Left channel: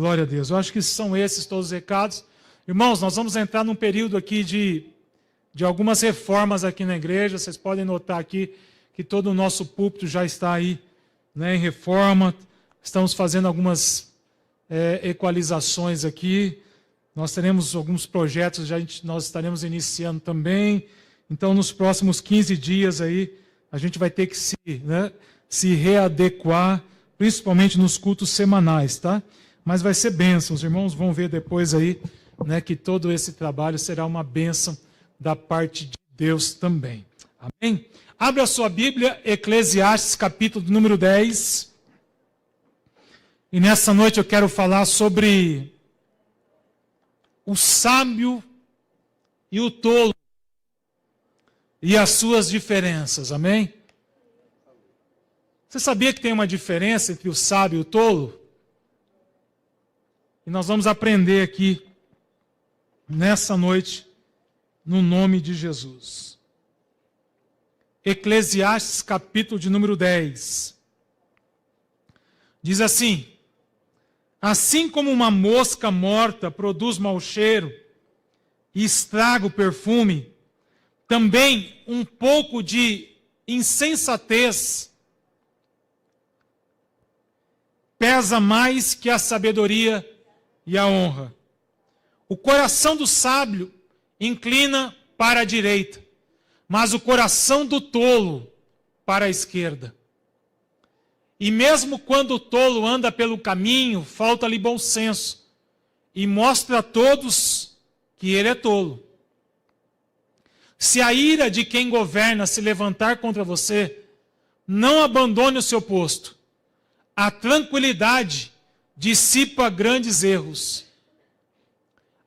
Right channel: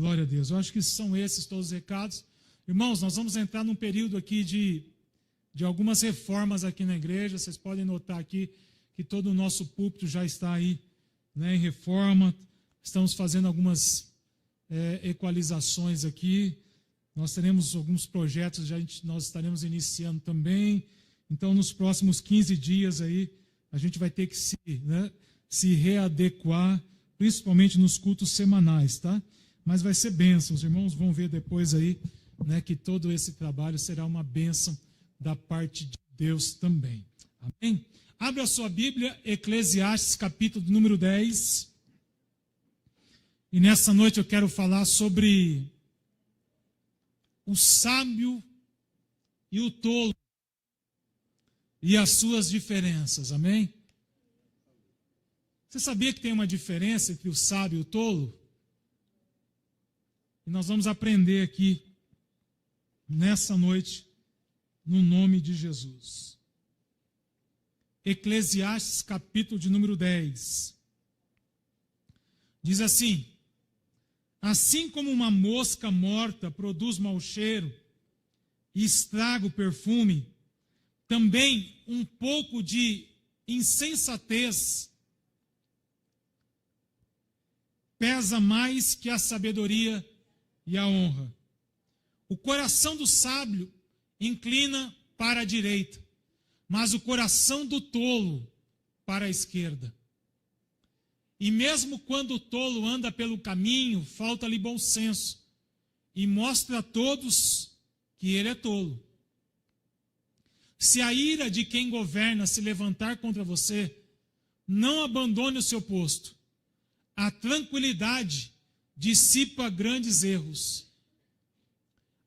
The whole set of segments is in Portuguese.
Glória a Deus. Eu acho que são esses todos os recados. Irmãos, nós vamos entrar num período aqui de algumas reformas aqui na igreja. Vocês podem notar aqui que todo o nosso púlpito já está aí, né, em reforma. Estamos fazendo algumas equalizações aqui. Nós teremos alguns projetos, nós estaremos iniciando também. Então, nos próximos 15 dias aí, a gente vai ter que se readequar, principalmente nos cultos semanais, tá? Mas vai ser bênção. Os irmãos vão ver depois aí, né, que todo esse trabalho será uma bênção da parte de Deus também. Amém? Abra a sua Bíblia, Eclesiastes, capítulo número 10. E nessa noite eu quero falar sobre o sábio e o tolo e as suas diferenças. Amém? Você sabia que tem uma diferença entre o sábio e o tolo? E nós vamos aprender aqui, nessa noite, no nome de Jesus. Eclesiastes, capítulo de número 10. Diz assim: assim como uma mosca morta produz mau cheiro e estraga o perfume, também um pouco de insensatez pesa mais que a sabedoria e a honra. O coração do sábio inclina para a direita, mas o coração do tolo para a esquerda. E mesmo quando o tolo anda pelo caminho, falta-lhe bom senso, e mostra a todos que ele é tolo. Se a ira de quem governa se levantar contra você, não abandone o seu posto. A tranquilidade dissipa grandes erros.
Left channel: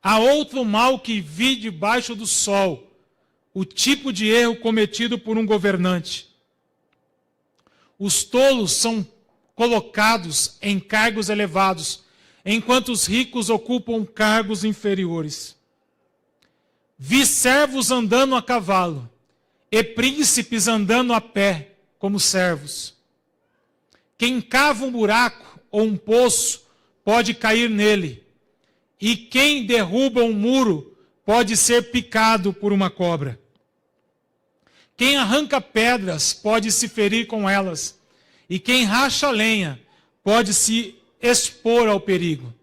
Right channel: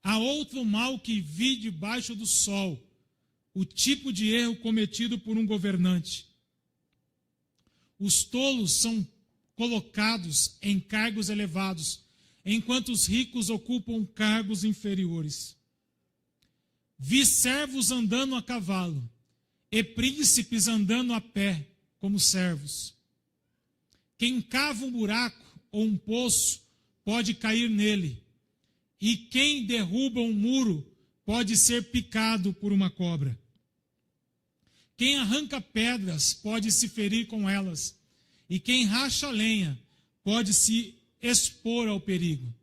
Há outro mal que vi debaixo do sol, o tipo de erro cometido por um governante. Os tolos são colocados em cargos elevados, enquanto os ricos ocupam cargos inferiores. Vi servos andando a cavalo, e príncipes andando a pé, como servos. Quem cava um buraco ou um poço pode cair nele, e quem derruba um muro pode ser picado por uma cobra. Quem arranca pedras pode se ferir com elas, e quem racha lenha pode se expor ao perigo.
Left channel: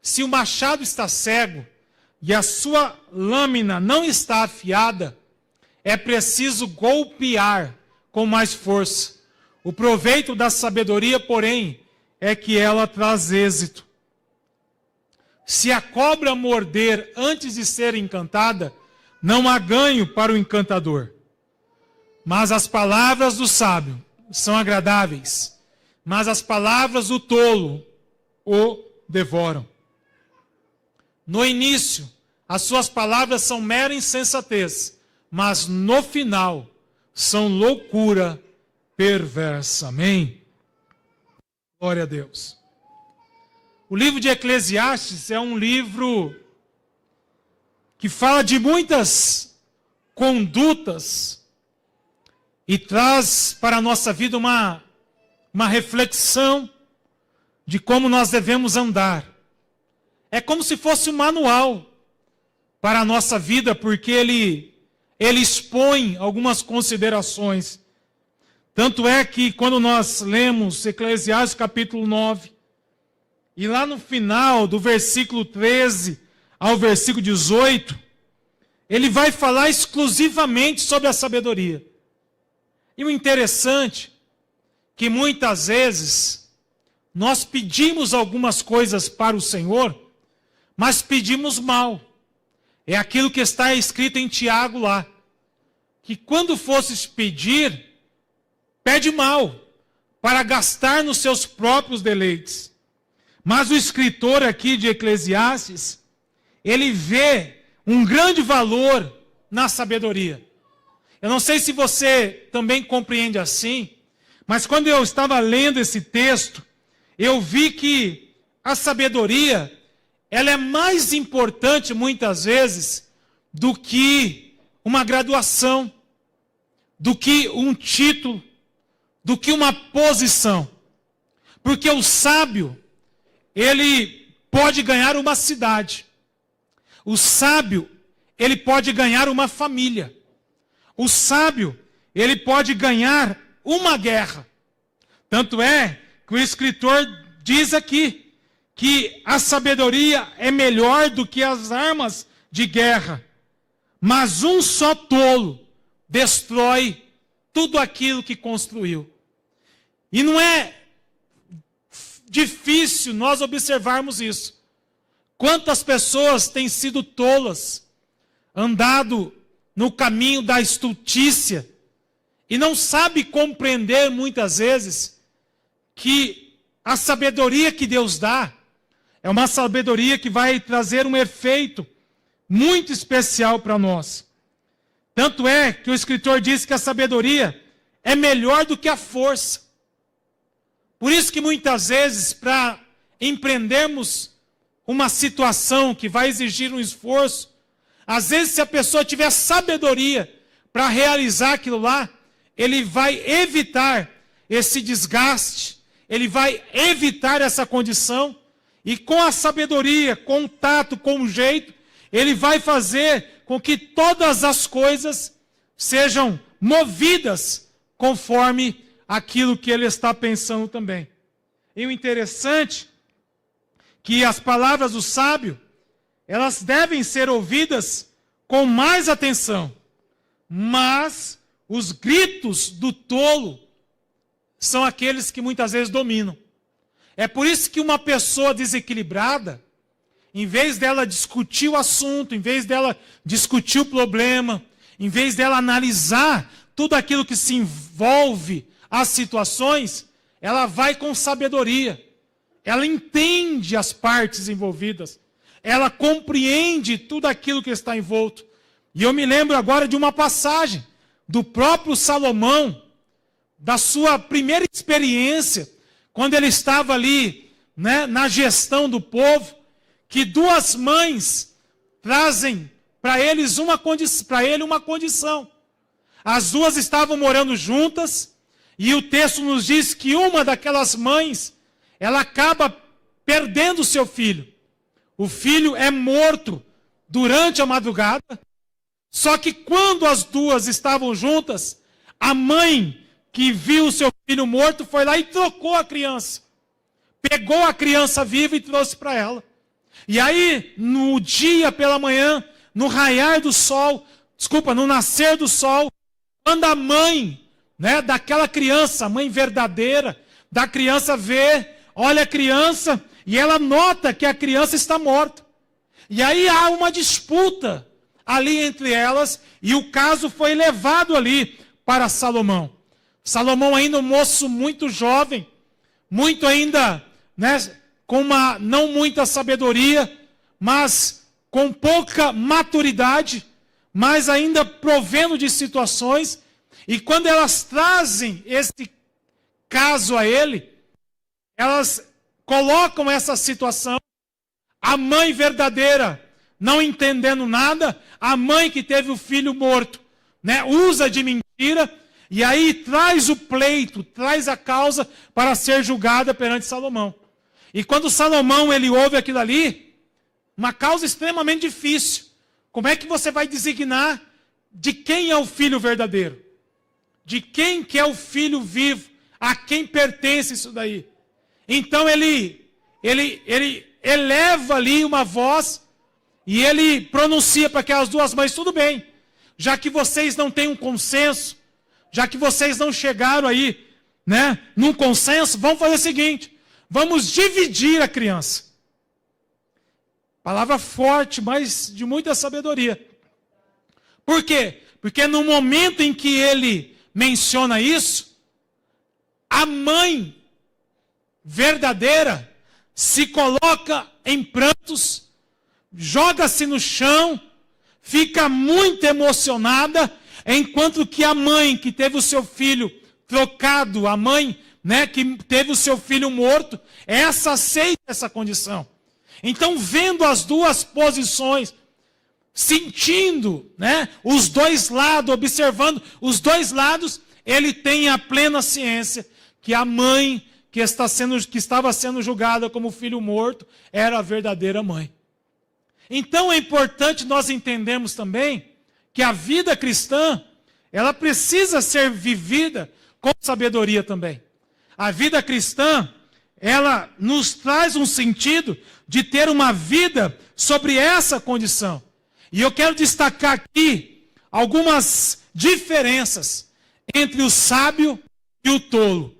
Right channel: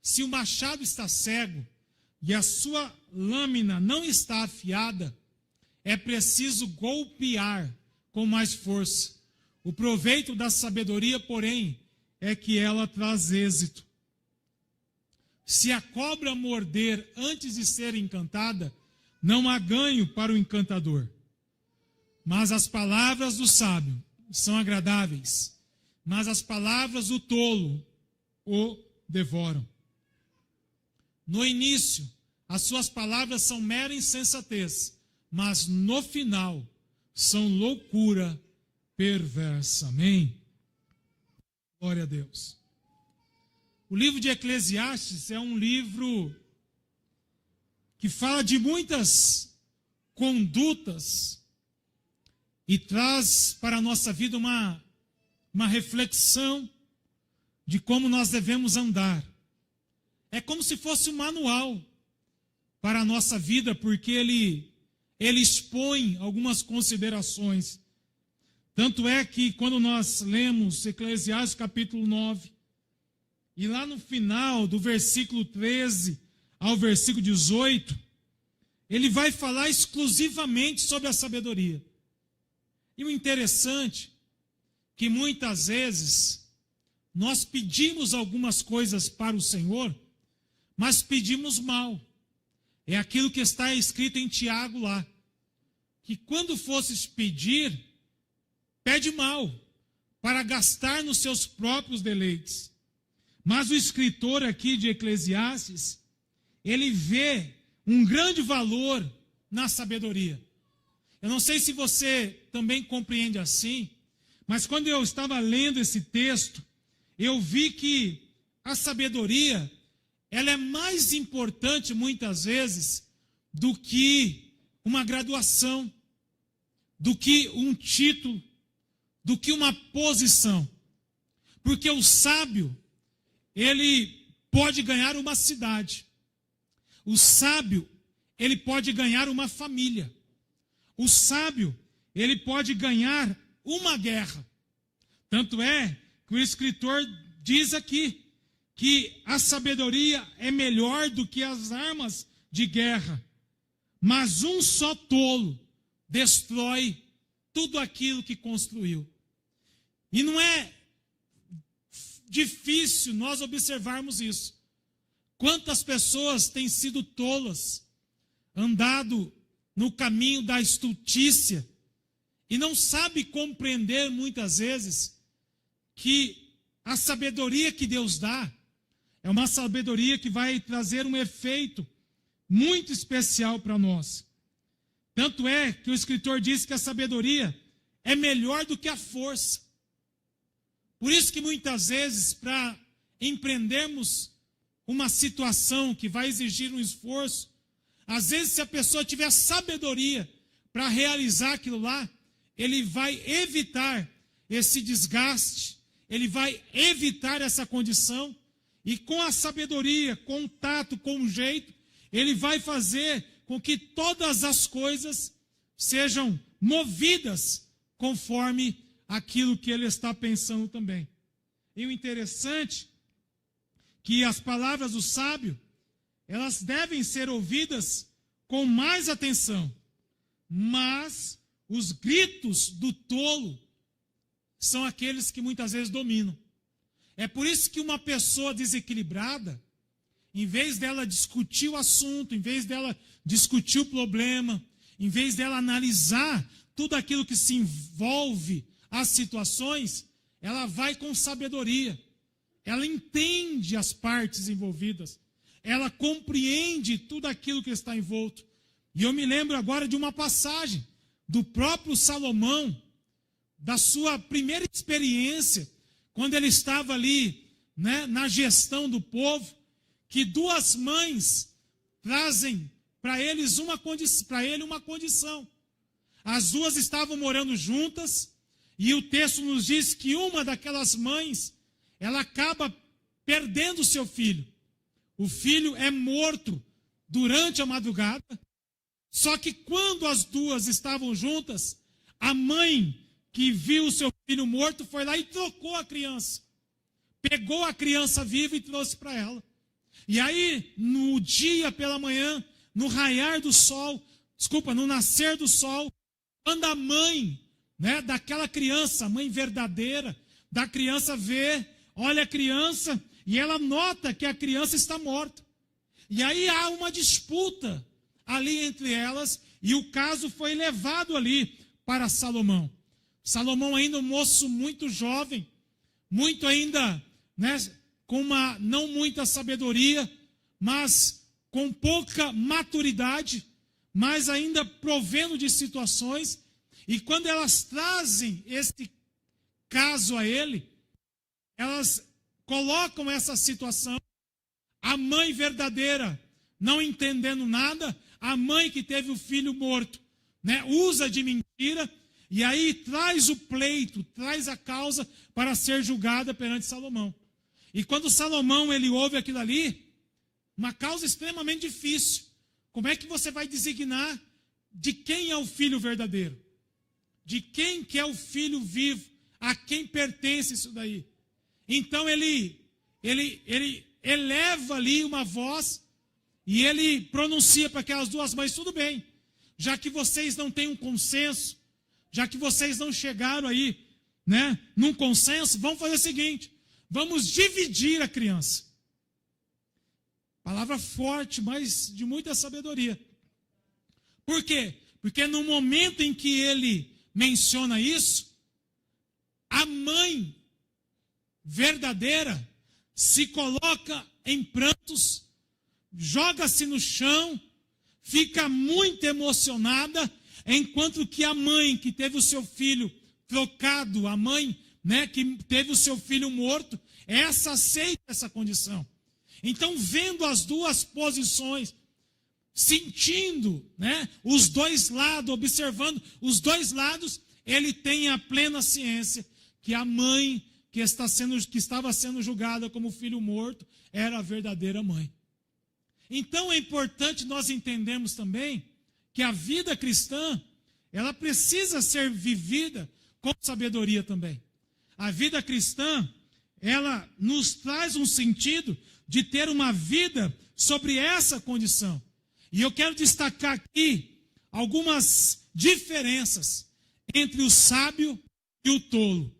Se o machado está cego e a sua lâmina não está afiada, é preciso golpear com mais força. O proveito da sabedoria, porém, é que ela traz êxito. Se a cobra morder antes de ser encantada, não há ganho para o encantador. Mas as palavras do sábio são agradáveis, mas as palavras do tolo o devoram. No início, as suas palavras são mera insensatez, mas no final são loucura perversa. Amém? Glória a Deus. O livro de Eclesiastes é um livro que fala de muitas condutas e traz para a nossa vida uma reflexão de como nós devemos andar. É como se fosse um manual para a nossa vida, porque ele expõe algumas considerações. Tanto é que quando nós lemos Eclesiastes capítulo 9, e lá no final do versículo 13 ao versículo 18, ele vai falar exclusivamente sobre a sabedoria. E o interessante é que muitas vezes nós pedimos algumas coisas para o Senhor, mas pedimos mal. É aquilo que está escrito em Tiago lá, que quando fosses pedir, pede mal, para gastar nos seus próprios deleites. Mas o escritor aqui de Eclesiastes, ele vê um grande valor na sabedoria. Eu não sei se você também compreende assim, mas quando eu estava lendo esse texto, eu vi que a sabedoria, ela é mais importante muitas vezes do que uma graduação, do que um título, do que uma posição. Porque o sábio, ele pode ganhar uma cidade. O sábio, ele pode ganhar uma família. O sábio, ele pode ganhar uma guerra. Tanto é que o escritor diz aqui que a sabedoria é melhor do que as armas de guerra. Mas um só tolo destrói tudo aquilo que construiu. E não é difícil nós observarmos isso. Quantas pessoas têm sido tolas, andado no caminho da estultícia, e não sabe compreender muitas vezes que a sabedoria que Deus dá é uma sabedoria que vai trazer um efeito muito especial para nós. Tanto é que o escritor diz que a sabedoria é melhor do que a força. Por isso que muitas vezes, para empreendermos uma situação que vai exigir um esforço, às vezes se a pessoa tiver sabedoria para realizar aquilo lá, ele vai evitar esse desgaste, ele vai evitar essa condição, e com a sabedoria, com o tato, com o jeito, ele vai fazer com que todas as coisas sejam movidas conforme aquilo que ele está pensando também. E o interessante é que as palavras do sábio, elas devem ser ouvidas com mais atenção, mas os gritos do tolo são aqueles que muitas vezes dominam. É por isso que uma pessoa desequilibrada, em vez dela discutir o assunto, em vez dela discutir o problema, em vez dela analisar tudo aquilo que se envolve as situações, ela vai com sabedoria. Ela entende as partes envolvidas. Ela compreende tudo aquilo que está envolto. E eu me lembro agora de uma passagem do próprio Salomão, da sua primeira experiência, quando ele estava ali, né, na gestão do povo, que duas mães trazem para ele uma condição. As duas estavam morando juntas, e o texto nos diz que uma daquelas mães, ela acaba perdendo o seu filho. O filho é morto durante a madrugada, só que quando as duas estavam juntas, a mãe que viu o seu filho morto foi lá e trocou a criança. Pegou a criança viva e trouxe para ela. E aí, no dia pela manhã, no raiar do sol, no nascer do sol, quando a mãe, né, daquela criança, a mãe verdadeira da criança vê, olha a criança e ela nota que a criança está morta. E aí há uma disputa ali entre elas e o caso foi levado ali para Salomão. Salomão ainda um moço muito jovem, muito ainda, né, com uma não muita sabedoria, mas com pouca maturidade, mas ainda provendo de situações. E quando elas trazem esse caso a ele, elas colocam essa situação, a mãe verdadeira não entendendo nada, a mãe que teve o filho morto, né, usa de mentira, e aí traz o pleito, traz a causa para ser julgada perante Salomão. E quando Salomão ele ouve aquilo ali, uma causa extremamente difícil. Como é que você vai designar de quem é o filho verdadeiro? De quem que é o filho vivo? A quem pertence isso daí? Então ele eleva ali uma voz e ele pronuncia para aquelas duas mães: tudo bem, já que vocês não têm um consenso, já que vocês não chegaram aí, né, num consenso, vamos fazer o seguinte: vamos dividir a criança. Palavra forte, mas de muita sabedoria. Por quê? Porque no momento em que ele menciona isso, a mãe verdadeira se coloca em prantos, joga-se no chão, fica muito emocionada, enquanto que a mãe que teve o seu filho trocado, a mãe, né, que teve o seu filho morto, essa aceita essa condição. Então, vendo as duas posições, sentindo, né, os dois lados, observando os dois lados, ele tem a plena ciência que a mãe que estava sendo julgada como filho morto era a verdadeira mãe. Então é importante nós entendermos também que a vida cristã, ela precisa ser vivida com sabedoria também. A vida cristã, ela nos traz um sentido de ter uma vida sobre essa condição. E eu quero destacar aqui algumas diferenças entre o sábio e o tolo.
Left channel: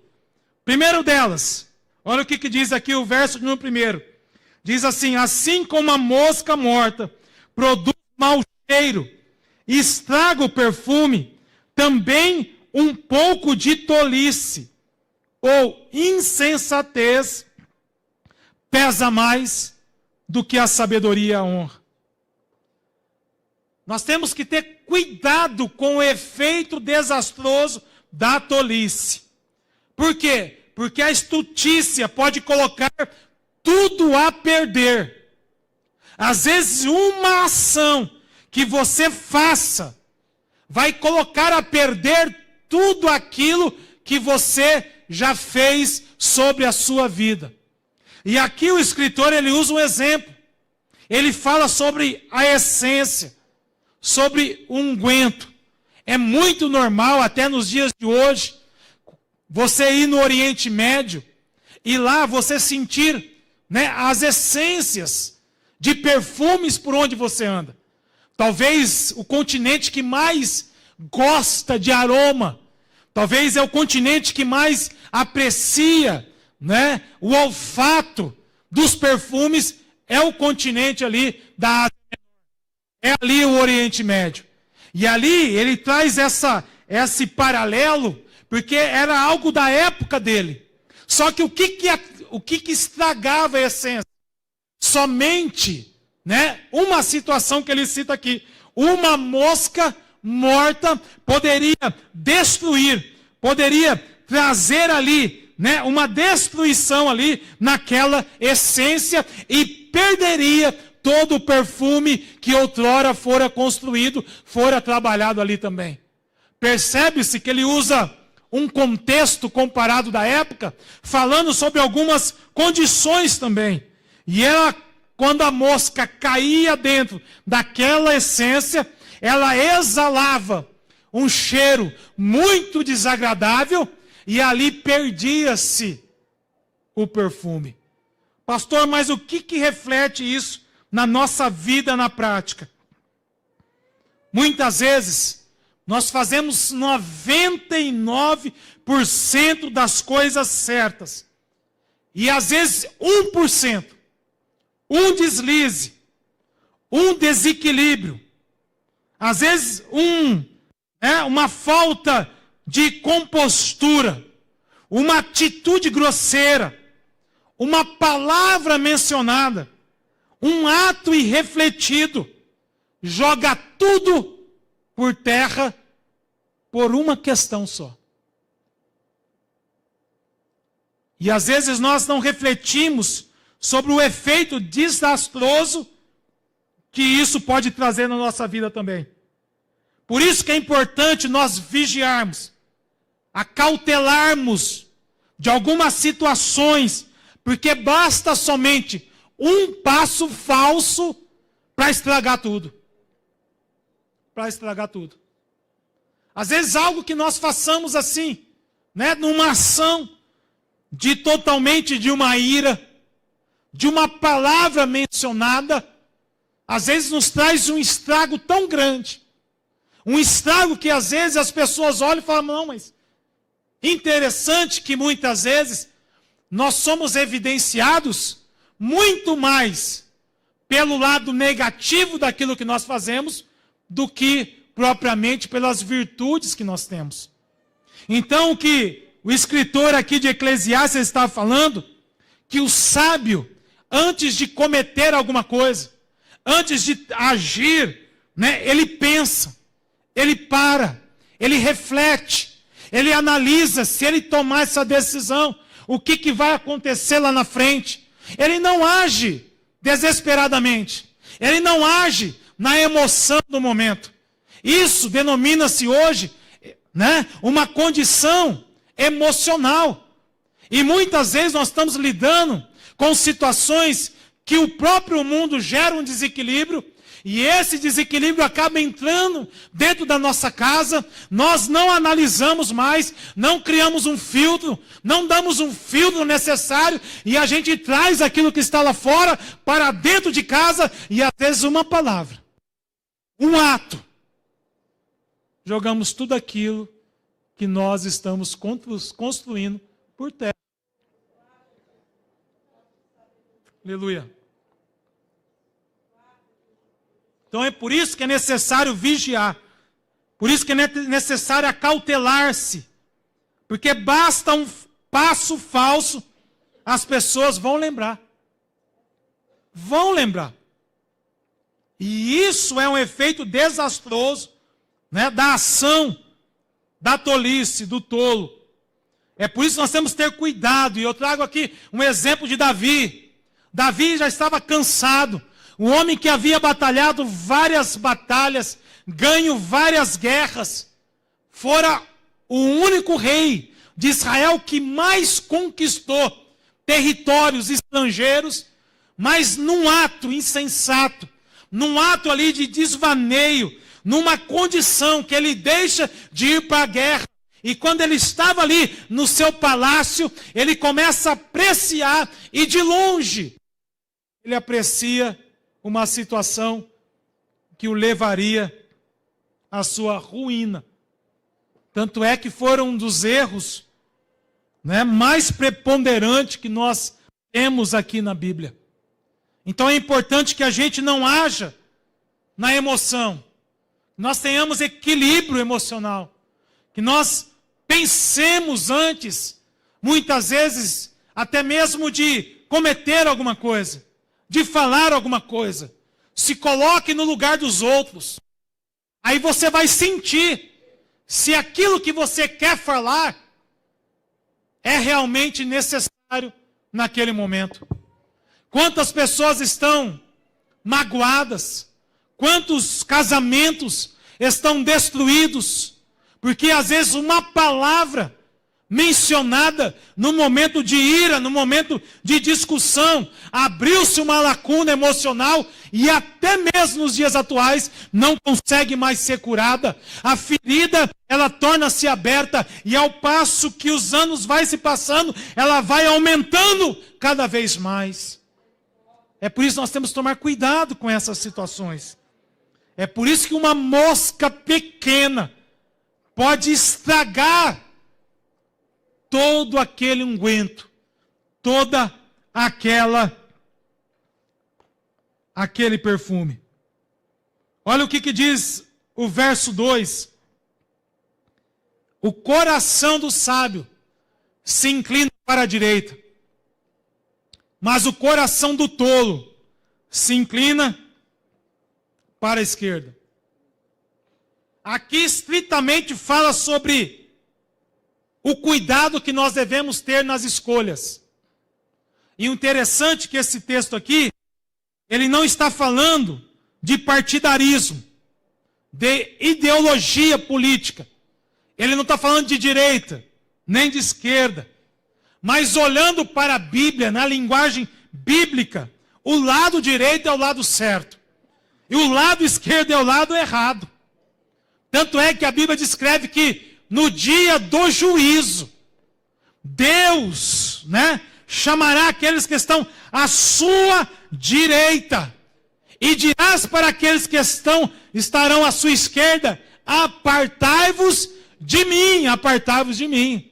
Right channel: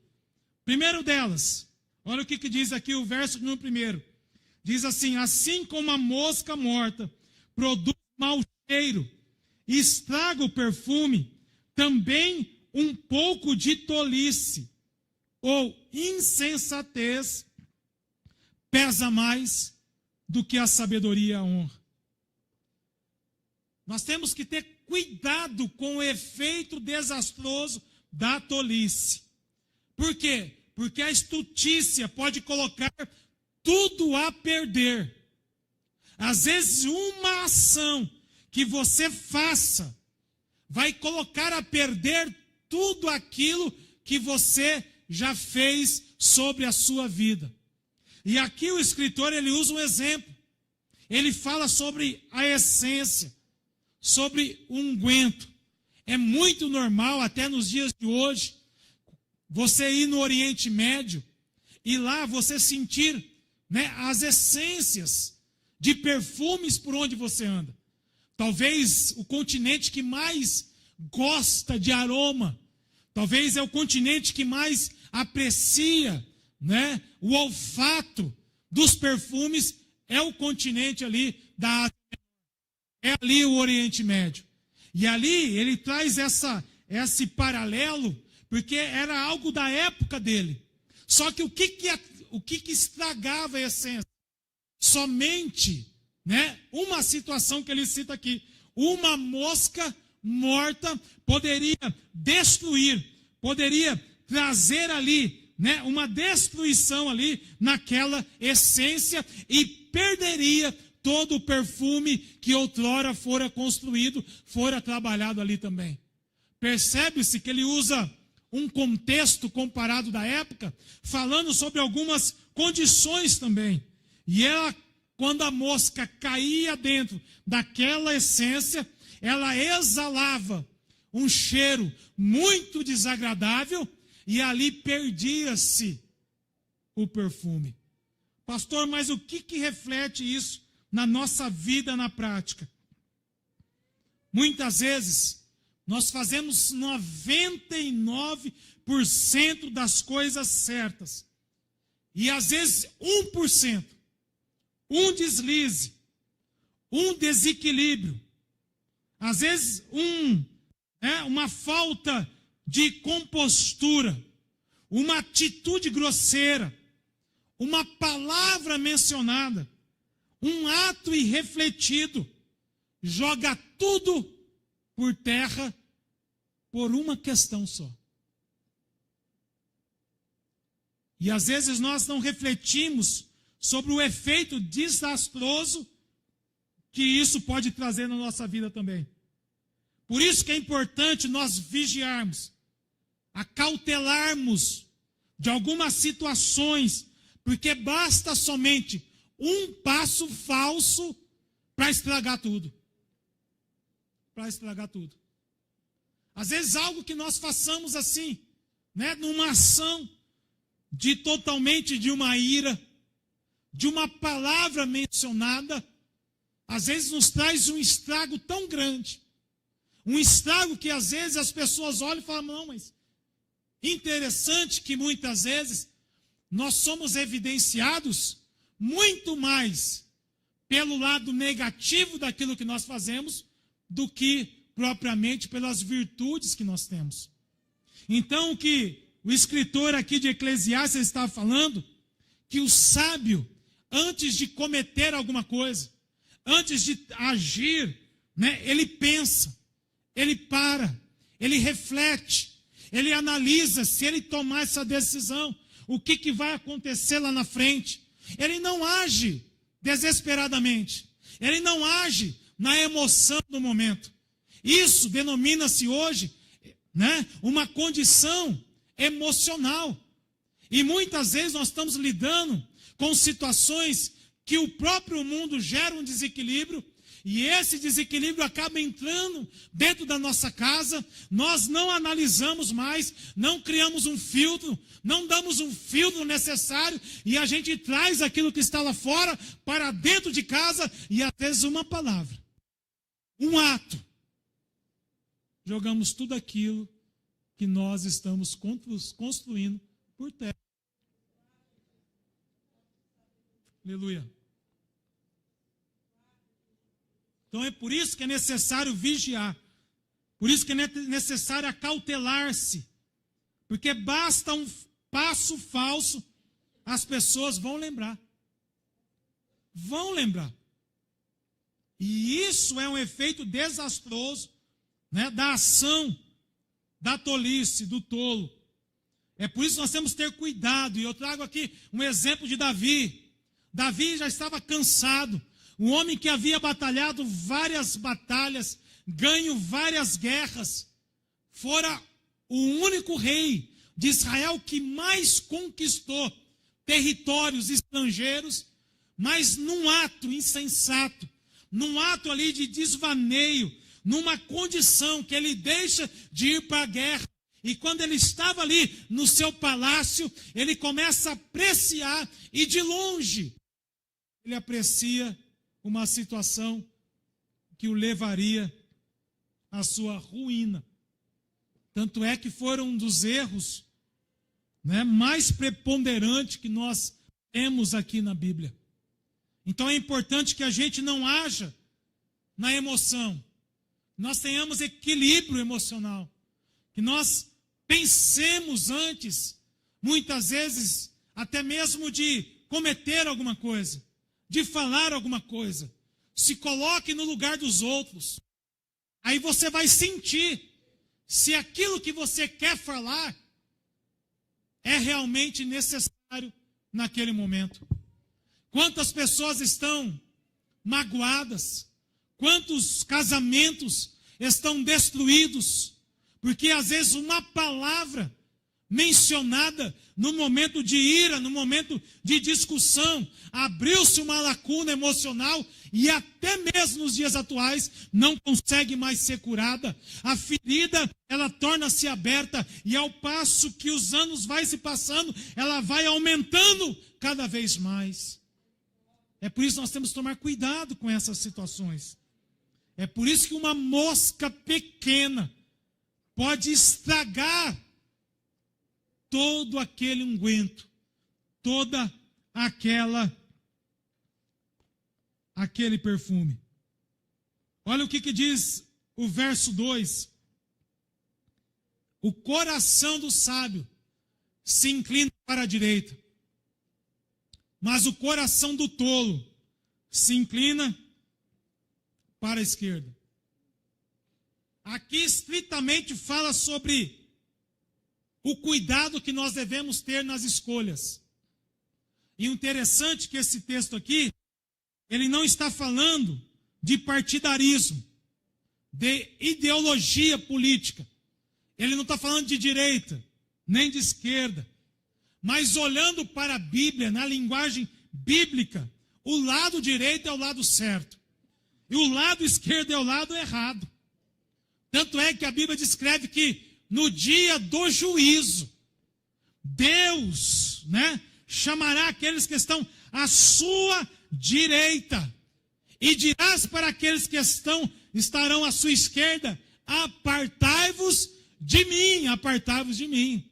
Primeiro delas, olha o que diz aqui o verso número 1. Diz assim: assim como a mosca morta produz mau cheiro e estraga o perfume, também um pouco de tolice ou insensatez pesa mais do que a sabedoria e a honra. Nós temos que ter cuidado com o efeito desastroso da tolice. Por quê? Porque a estutícia pode colocar tudo a perder. Às vezes, uma ação que você faça vai colocar a perder tudo aquilo que você já fez sobre a sua vida. E aqui o escritor, ele usa um exemplo. Ele fala sobre a essência, sobre o unguento. É muito normal, até nos dias de hoje, você ir no Oriente Médio e lá você sentir, né, as essências de perfumes por onde você anda. Talvez o continente que mais gosta de aroma, talvez é o continente que mais aprecia, né, o olfato dos perfumes, é o continente ali da Ásia Menor. É ali o Oriente Médio. E ali ele traz esse paralelo, porque era algo da época dele. Só que o que estragava a essência? Somente, né, uma situação que ele cita aqui. Uma mosca morta poderia destruir, poderia trazer ali, né, uma destruição ali naquela essência e perderia todo o perfume que outrora fora construído, fora trabalhado ali também. Percebe-se que ele usa um contexto comparado da época, falando sobre algumas condições também. E ela, quando a mosca caía dentro daquela essência, ela exalava um cheiro muito desagradável e ali perdia-se o perfume. Pastor, mas o que reflete isso na nossa vida na prática? Muitas vezes nós fazemos 99% das coisas certas. E às vezes 1%, um deslize, um desequilíbrio, às vezes uma falta de compostura, uma atitude grosseira, uma palavra mencionada, um ato irrefletido, joga tudo por terra por uma questão só. E às vezes nós não refletimos sobre o efeito desastroso que isso pode trazer na nossa vida também. Por isso que é importante nós vigiarmos, acautelarmos de algumas situações, porque basta somente um passo falso para estragar tudo. Para estragar tudo. Às vezes algo que nós façamos assim, né, numa ação totalmente de uma ira, de uma palavra mencionada, às vezes nos traz um estrago tão grande. Um estrago que às vezes as pessoas olham e falam: não, mas interessante que muitas vezes nós somos evidenciados muito mais pelo lado negativo daquilo que nós fazemos do que propriamente pelas virtudes que nós temos. Então, o que o escritor aqui de Eclesiastes está falando, que o sábio, antes de cometer alguma coisa, antes de agir, né, ele pensa, ele para, ele reflete, ele analisa se ele tomar essa decisão, o que vai acontecer lá na frente. Ele não age desesperadamente, ele não age na emoção do momento. Isso denomina-se hoje, né, uma condição emocional. E muitas vezes nós estamos lidando com situações que o próprio mundo gera um desequilíbrio, e esse desequilíbrio acaba entrando dentro da nossa casa. Nós não analisamos mais, não criamos um filtro, não damos um filtro necessário, e a gente traz aquilo que está lá fora para dentro de casa, e às vezes uma palavra, um ato, jogamos tudo aquilo que nós estamos construindo por terra. Aleluia. Então é por isso que é necessário vigiar. Por isso que é necessário acautelar-se. Porque basta um passo falso, as pessoas vão lembrar. Vão lembrar. E isso é um efeito desastroso, né, da ação, da tolice, do tolo. É por isso que nós temos que ter cuidado. E eu trago aqui um exemplo de Davi. Davi já estava cansado. Um homem que havia batalhado várias batalhas, ganho várias guerras, fora o único rei de Israel que mais conquistou territórios estrangeiros, mas num ato insensato, num ato ali de desvaneio, numa condição que ele deixa de ir para a guerra. E quando ele estava ali no seu palácio, ele começa a apreciar, e de longe ele aprecia uma situação que o levaria à sua ruína. Tanto é que foram um dos erros, né, mais preponderantes que nós temos aqui na Bíblia. Então é importante que a gente não haja na emoção, nós tenhamos equilíbrio emocional, que nós pensemos antes, muitas vezes, até mesmo de cometer alguma coisa, de falar alguma coisa. Se coloque no lugar dos outros. Aí você vai sentir se aquilo que você quer falar é realmente necessário naquele momento. Quantas pessoas estão magoadas? Quantos casamentos estão destruídos? Porque às vezes uma palavra mencionada no momento de ira, no momento de discussão, abriu-se uma lacuna emocional e até mesmo nos dias atuais não consegue mais ser curada. A ferida, ela torna-se aberta, e ao passo que os anos vai se passando, ela vai aumentando cada vez mais. É por isso que nós temos que tomar cuidado com essas situações. É por isso que uma mosca pequena pode estragar todo aquele unguento, toda aquele perfume. Olha o que diz o verso 2. O coração do sábio se inclina para a direita, mas o coração do tolo se inclina para a esquerda. Aqui estritamente fala sobre o cuidado que nós devemos ter nas escolhas. E o interessante é que esse texto aqui, ele não está falando de partidarismo, de ideologia política. Ele não está falando de direita, nem de esquerda. Mas olhando para a Bíblia, na linguagem bíblica, o lado direito é o lado certo. E o lado esquerdo é o lado errado. Tanto é que a Bíblia descreve que no dia do juízo, Deus, né, chamará aqueles que estão à sua direita e dirás para aqueles que estarão à sua esquerda: apartai-vos de mim, apartai-vos de mim.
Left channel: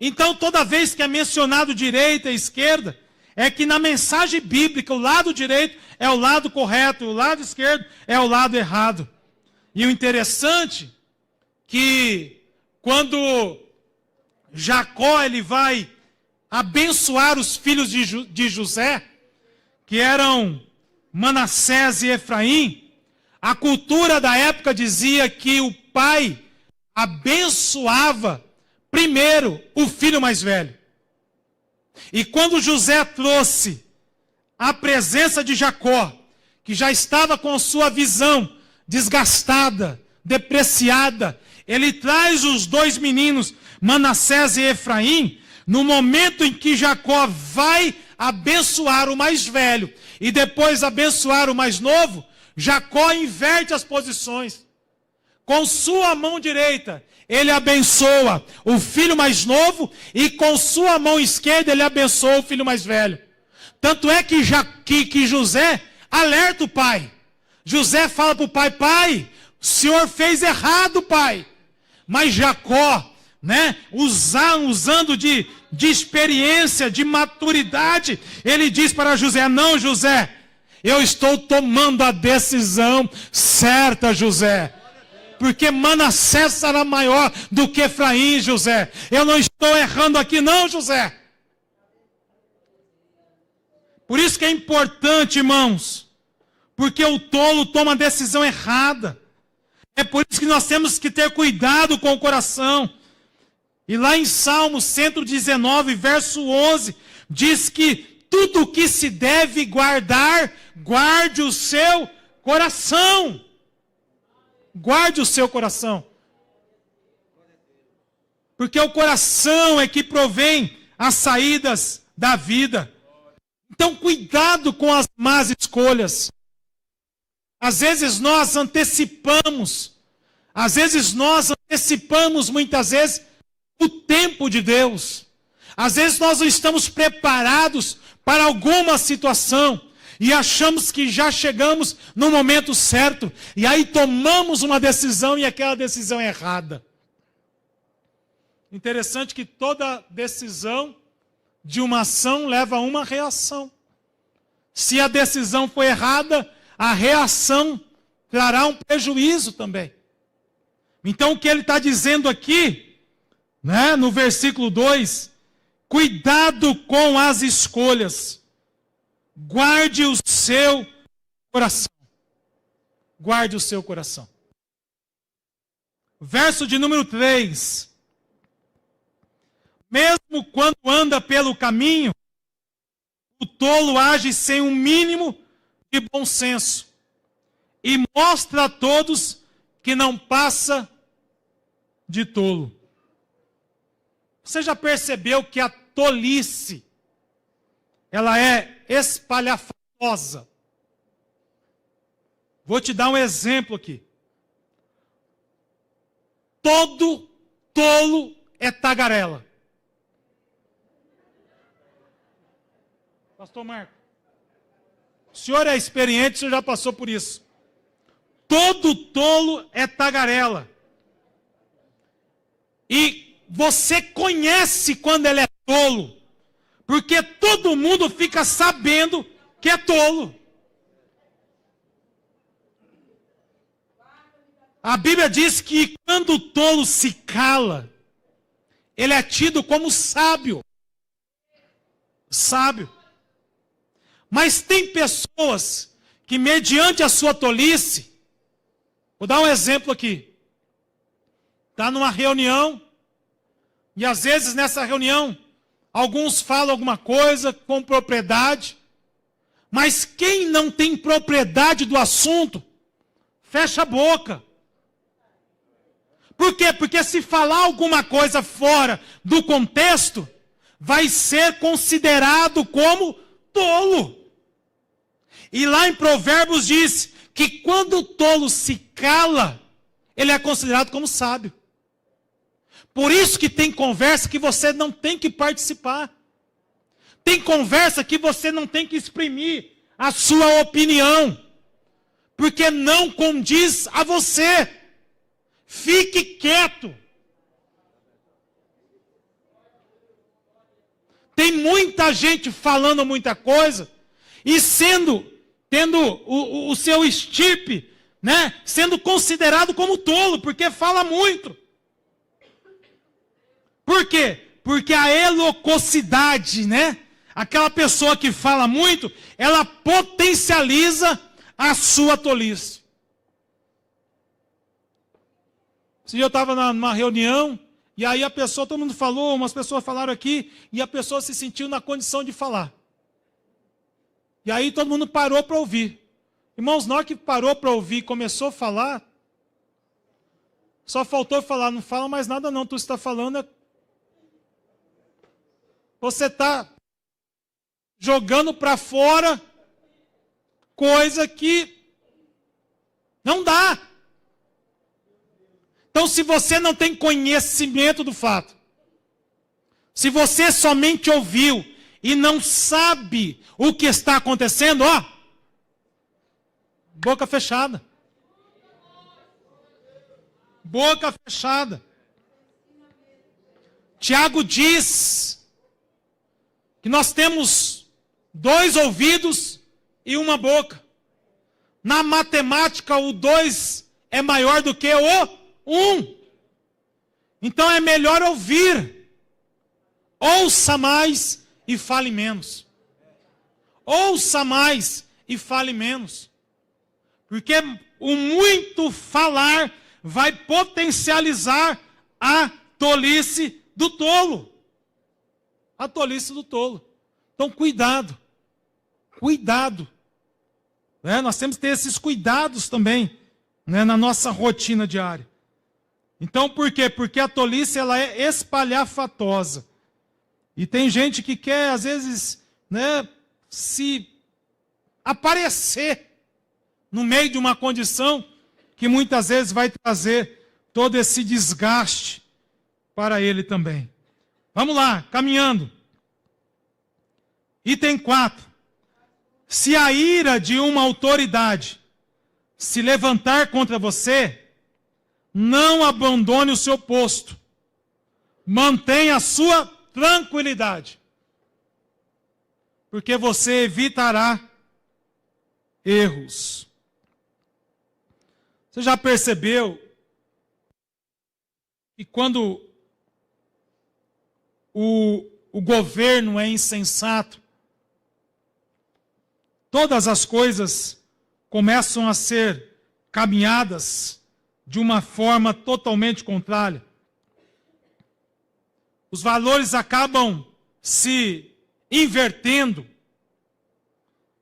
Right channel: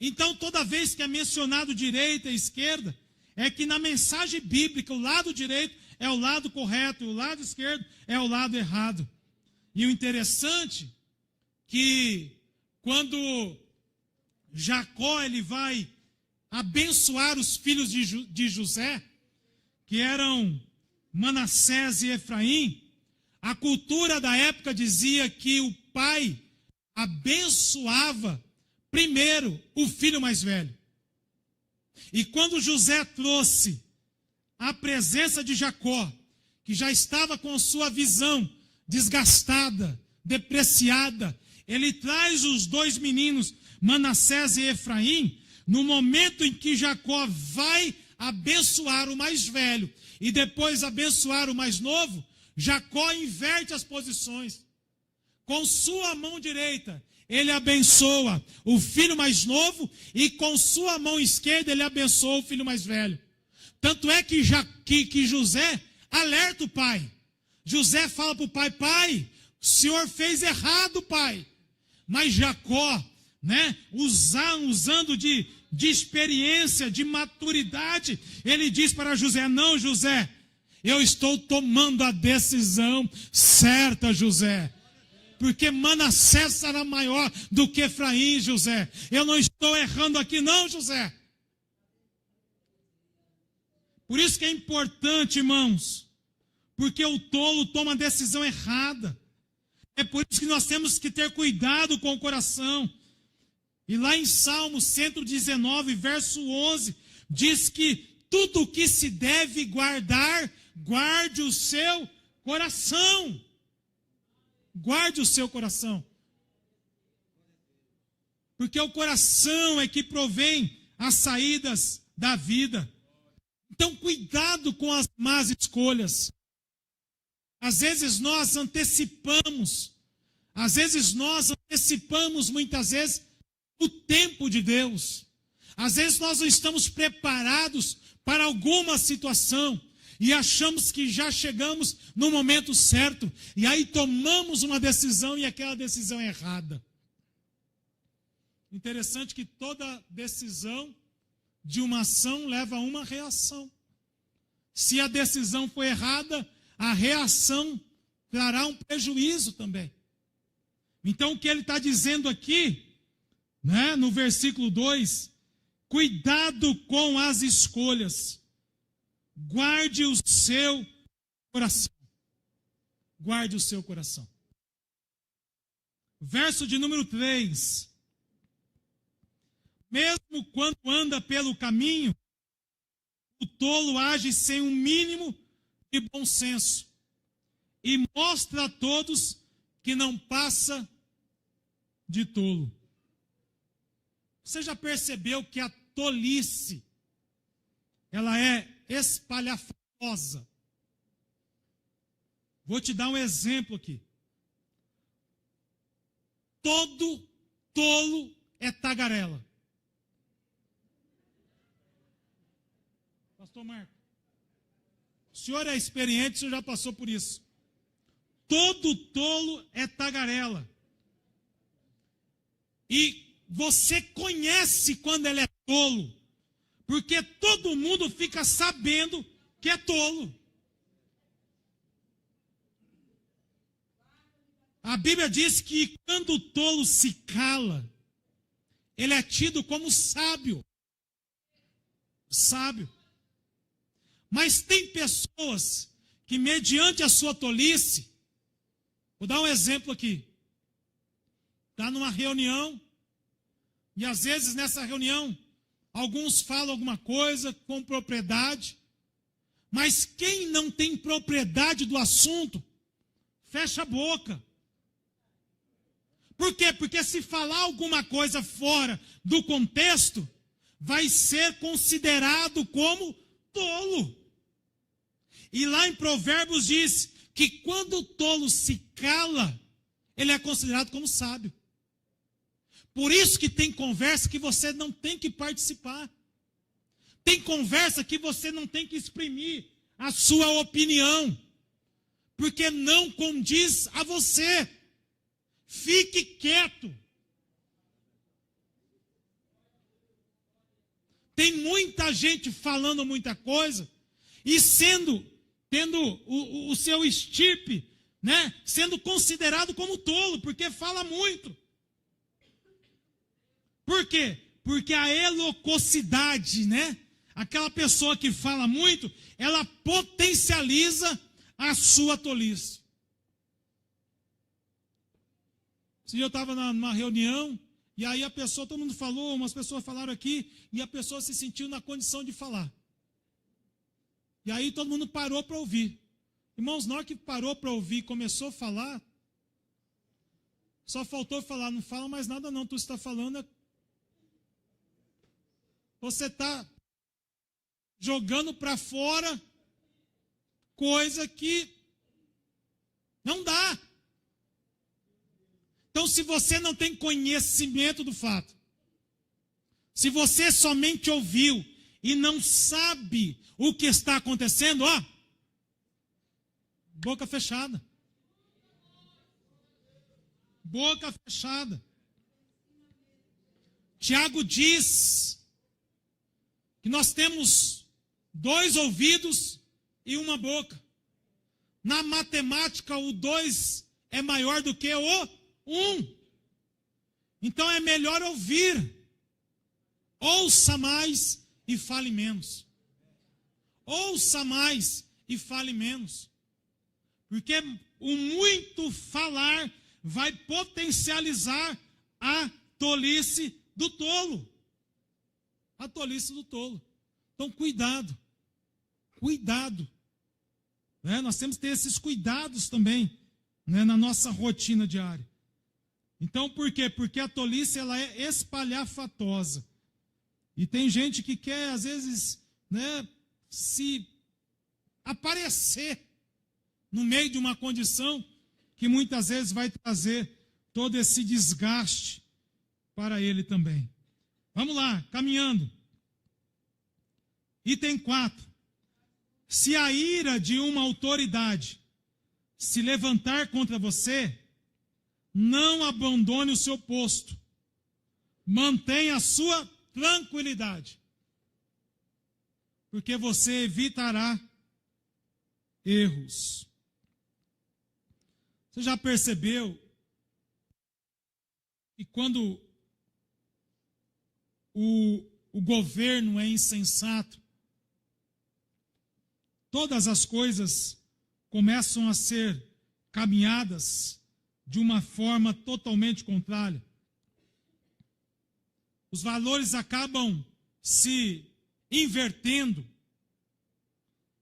Então, toda vez que é mencionado direita e esquerda, é que na mensagem bíblica o lado direito é o lado correto, e o lado esquerdo é o lado errado. E o interessante que quando Jacó ele vai abençoar os filhos de José, que eram Manassés e Efraim, a cultura da época dizia que o pai abençoava primeiro o filho mais velho. E quando José trouxe a presença de Jacó, que já estava com sua visão desgastada, depreciada, ele traz os dois meninos, Manassés e Efraim, No momento em que Jacó vai abençoar o mais velho e depois abençoar o mais novo, Jacó inverte as posições. Com sua mão direita, ele abençoa o filho mais novo e com sua mão esquerda ele abençoa o filho mais velho. Tanto é que José alerta o pai. José fala para o pai: pai, o senhor fez errado, pai. Mas Jacó, usando de experiência, de maturidade, ele diz para José: não, José, eu estou tomando a decisão certa, José. Porque Manassés será maior do que Efraim, José. Eu não estou errando aqui, não, José. Por isso que é importante, irmãos, porque o tolo toma a decisão errada. É por isso que nós temos que ter cuidado com o coração. E lá em Salmo 119, verso 11, diz que tudo o que se deve guardar, guarde o seu coração. Guarde o seu coração. Porque o coração é que provém as saídas da vida. Então, cuidado com as más escolhas. Às vezes nós antecipamos muitas vezes o tempo de Deus. Às vezes nós não estamos preparados para alguma situação e achamos que já chegamos no momento certo e aí tomamos uma decisão e aquela decisão é errada. Interessante que toda decisão de uma ação leva a uma reação. Se a decisão foi errada, a reação trará um prejuízo também. Então o que ele está dizendo aqui, no versículo 2, cuidado com as escolhas, guarde o seu coração. Guarde o seu coração. Verso de número 3. Mesmo quando anda pelo caminho, o tolo age sem um mínimo de bom senso e mostra a todos que não passa de tolo. Você já percebeu que a tolice, ela é espalhafatosa? Vou te dar um exemplo aqui. Todo tolo é tagarela. Pastor Marco, o senhor é experiente, o senhor já passou por isso. Todo tolo é tagarela. E você conhece quando ele é tolo, porque todo mundo fica sabendo que é tolo. A Bíblia diz que quando o tolo se cala, ele é tido como sábio. Sábio. Mas tem pessoas que, mediante a sua tolice, vou dar um exemplo aqui. Está numa reunião, e às vezes nessa reunião, alguns falam alguma coisa com propriedade, mas quem não tem propriedade do assunto, fecha a boca. Por quê? Porque se falar alguma coisa fora do contexto, vai ser considerado como tolo. E lá em Provérbios diz que quando o tolo se cala, ele é considerado como sábio. Por isso que tem conversa que você não tem que participar. Tem conversa que você não tem que exprimir a sua opinião. Porque não condiz a você. Fique quieto. Tem muita gente falando muita coisa e tendo o seu estirpe, sendo considerado como tolo, porque fala muito. Por quê? Porque a eloquocidade, aquela pessoa que fala muito, ela potencializa a sua tolice. Esse dia eu estava numa reunião, e aí todo mundo falou, umas pessoas falaram aqui, e a pessoa se sentiu na condição de falar. E aí todo mundo parou para ouvir. Irmãos, na hora que parou para ouvir e começou a falar, só faltou falar: não fala mais nada não, tu está falando. você está jogando para fora coisa que não dá. Então, se você não tem conhecimento do fato, se você somente ouviu e não sabe o que está acontecendo, ó, boca fechada. Boca fechada. Tiago diz que nós temos 2 ouvidos e uma boca. Na matemática, o 2 é maior do que o 1. Então é melhor ouvir. Ouça mais e fale menos. Ouça mais e fale menos. Porque o muito falar vai potencializar a tolice do tolo. A tolice do tolo. Então, cuidado. Cuidado. Nós temos que ter esses cuidados também, na nossa rotina diária. Então, por quê? Porque a tolice ela é espalhafatosa. E tem gente que quer, às vezes, se aparecer no meio de uma condição que muitas vezes vai trazer todo esse desgaste para ele também. Vamos lá, caminhando. Item 4. Se a ira de uma autoridade se levantar contra você, não abandone o seu posto. Mantenha a sua tranquilidade. Porque você evitará erros. Você já percebeu que quando o governo é insensato, todas as coisas começam a ser caminhadas de uma forma totalmente contrária. Os valores acabam se invertendo.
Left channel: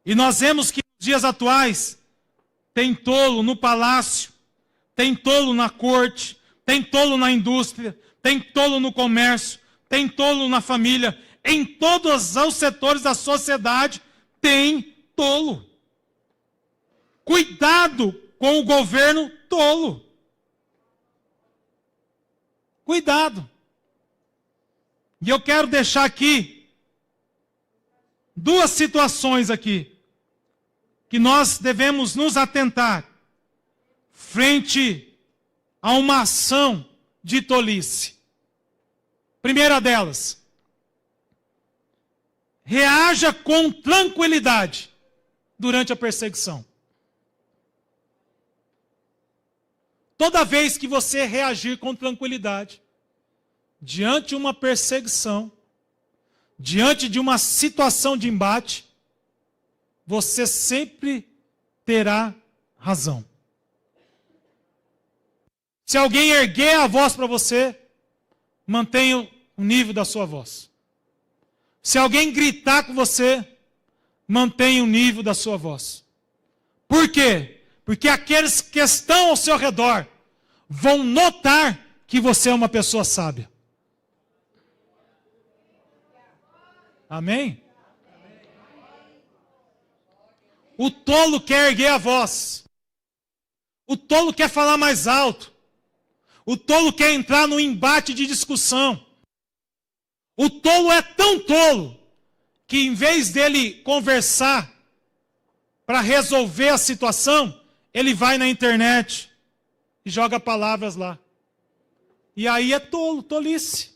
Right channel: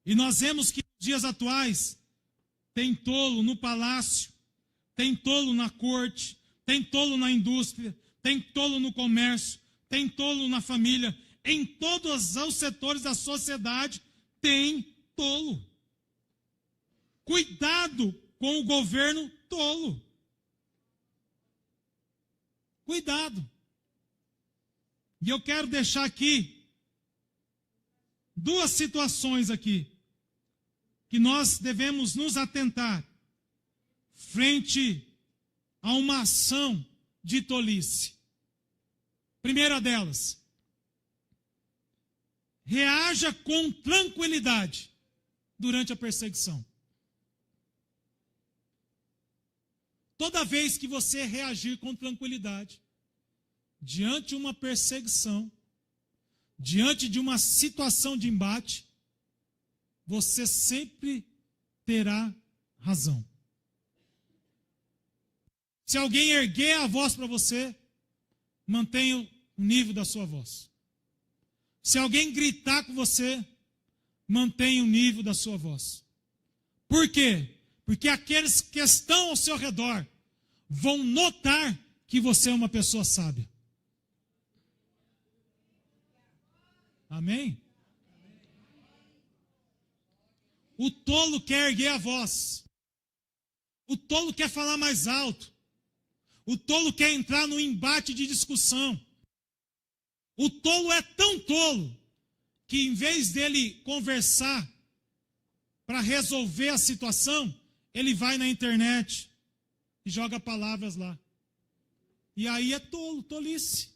E nós vemos que nos dias atuais tem tolo no palácio, tem tolo na corte, tem tolo na indústria, tem tolo no comércio, tem tolo na família. Em todos os setores da sociedade tem tolo. Cuidado com o governo tolo. Cuidado. E eu quero deixar aqui 2 situações aqui que nós devemos nos atentar frente a uma ação de tolice. Primeira delas, reaja com tranquilidade durante a perseguição. Toda vez que você reagir com tranquilidade diante de uma perseguição, diante de uma situação de embate, você sempre terá razão. Se alguém erguer a voz para você, mantenha o nível da sua voz. Se alguém gritar com você, mantenha o nível da sua voz. Por quê? Porque aqueles que estão ao seu redor vão notar que você é uma pessoa sábia. Amém? O tolo quer erguer a voz. O tolo quer falar mais alto. O tolo quer entrar no embate de discussão. O tolo é tão tolo que em vez dele conversar para resolver a situação, ele vai na internet e joga palavras lá. E aí é tolo, tolice.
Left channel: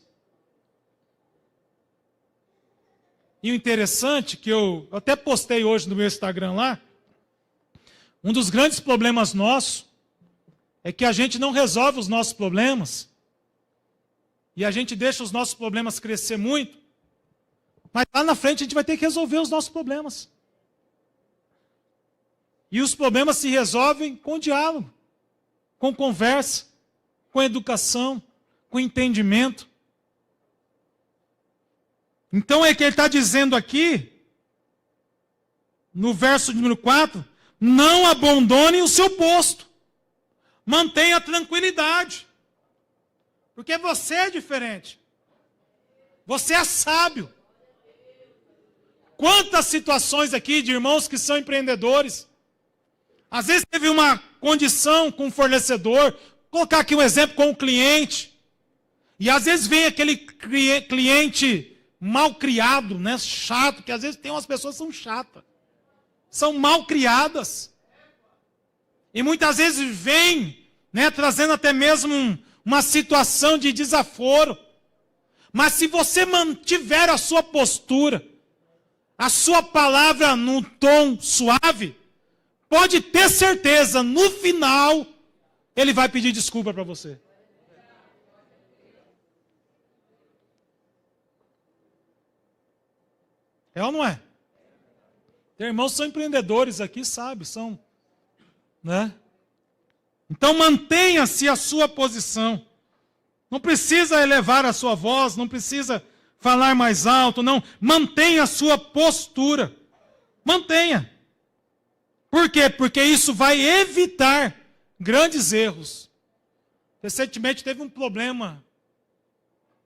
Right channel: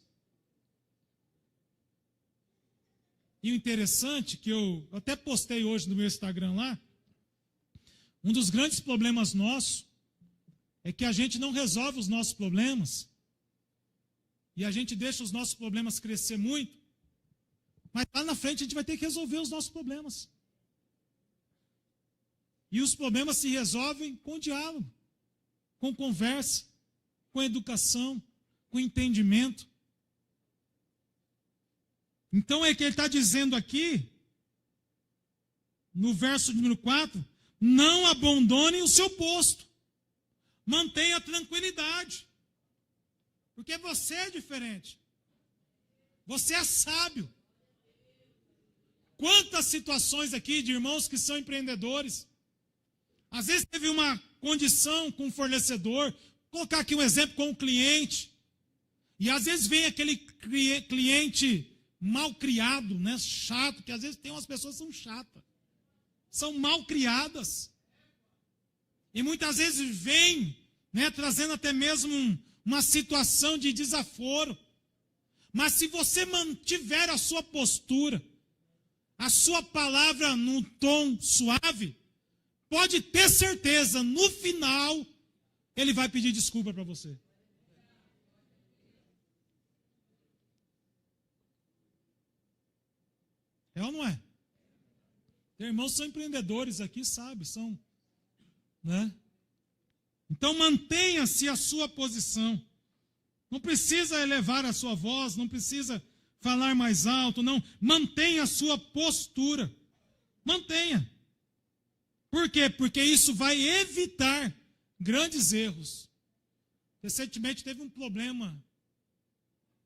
E o interessante que eu até postei hoje no meu Instagram lá, um dos grandes problemas nossos é que a gente não resolve os nossos problemas e a gente deixa os nossos problemas crescer muito, mas lá na frente a gente vai ter que resolver os nossos problemas. E os problemas se resolvem com diálogo, com conversa, com educação, com entendimento. Então é que ele está dizendo aqui, no verso número 4, não abandone o seu posto. Mantenha a tranquilidade. Porque você é diferente. Você é sábio. Quantas situações aqui de irmãos que são empreendedores. Às vezes teve uma condição com o fornecedor, vou colocar aqui um exemplo com o cliente. E às vezes vem aquele cliente mal criado, né, chato, que às vezes tem umas pessoas que são chatas. São mal criadas. E muitas vezes vem, né, trazendo até mesmo uma situação de desaforo. Mas se você mantiver a sua postura, a sua palavra num tom suave, pode ter certeza, no final, ele vai pedir desculpa para você. É ou não é? Tem irmãos que são empreendedores aqui, sabe? São, né? Então mantenha-se a sua posição. Não precisa elevar a sua voz, não precisa falar mais alto, não. Mantenha a sua postura. Mantenha. Por quê? Porque isso vai evitar grandes erros. Recentemente teve um problema,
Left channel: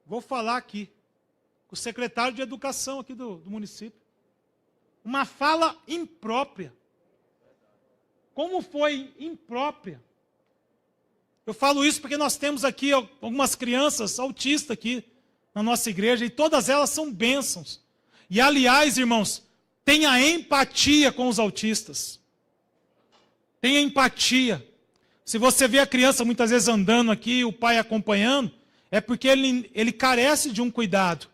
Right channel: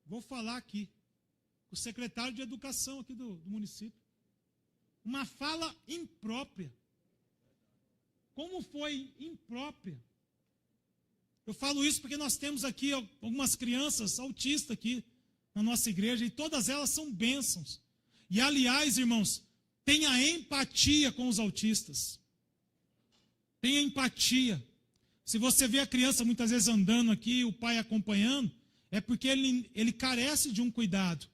vou falar aqui, com o secretário de Educação aqui do município. Uma fala imprópria. Como foi imprópria? Eu falo isso porque nós temos aqui algumas crianças autistas aqui na nossa igreja e todas elas são bênçãos. E aliás, irmãos, tenha empatia com os autistas. Tenha empatia. Se você vê a criança muitas vezes andando aqui, o pai acompanhando, é porque ele carece de um cuidado.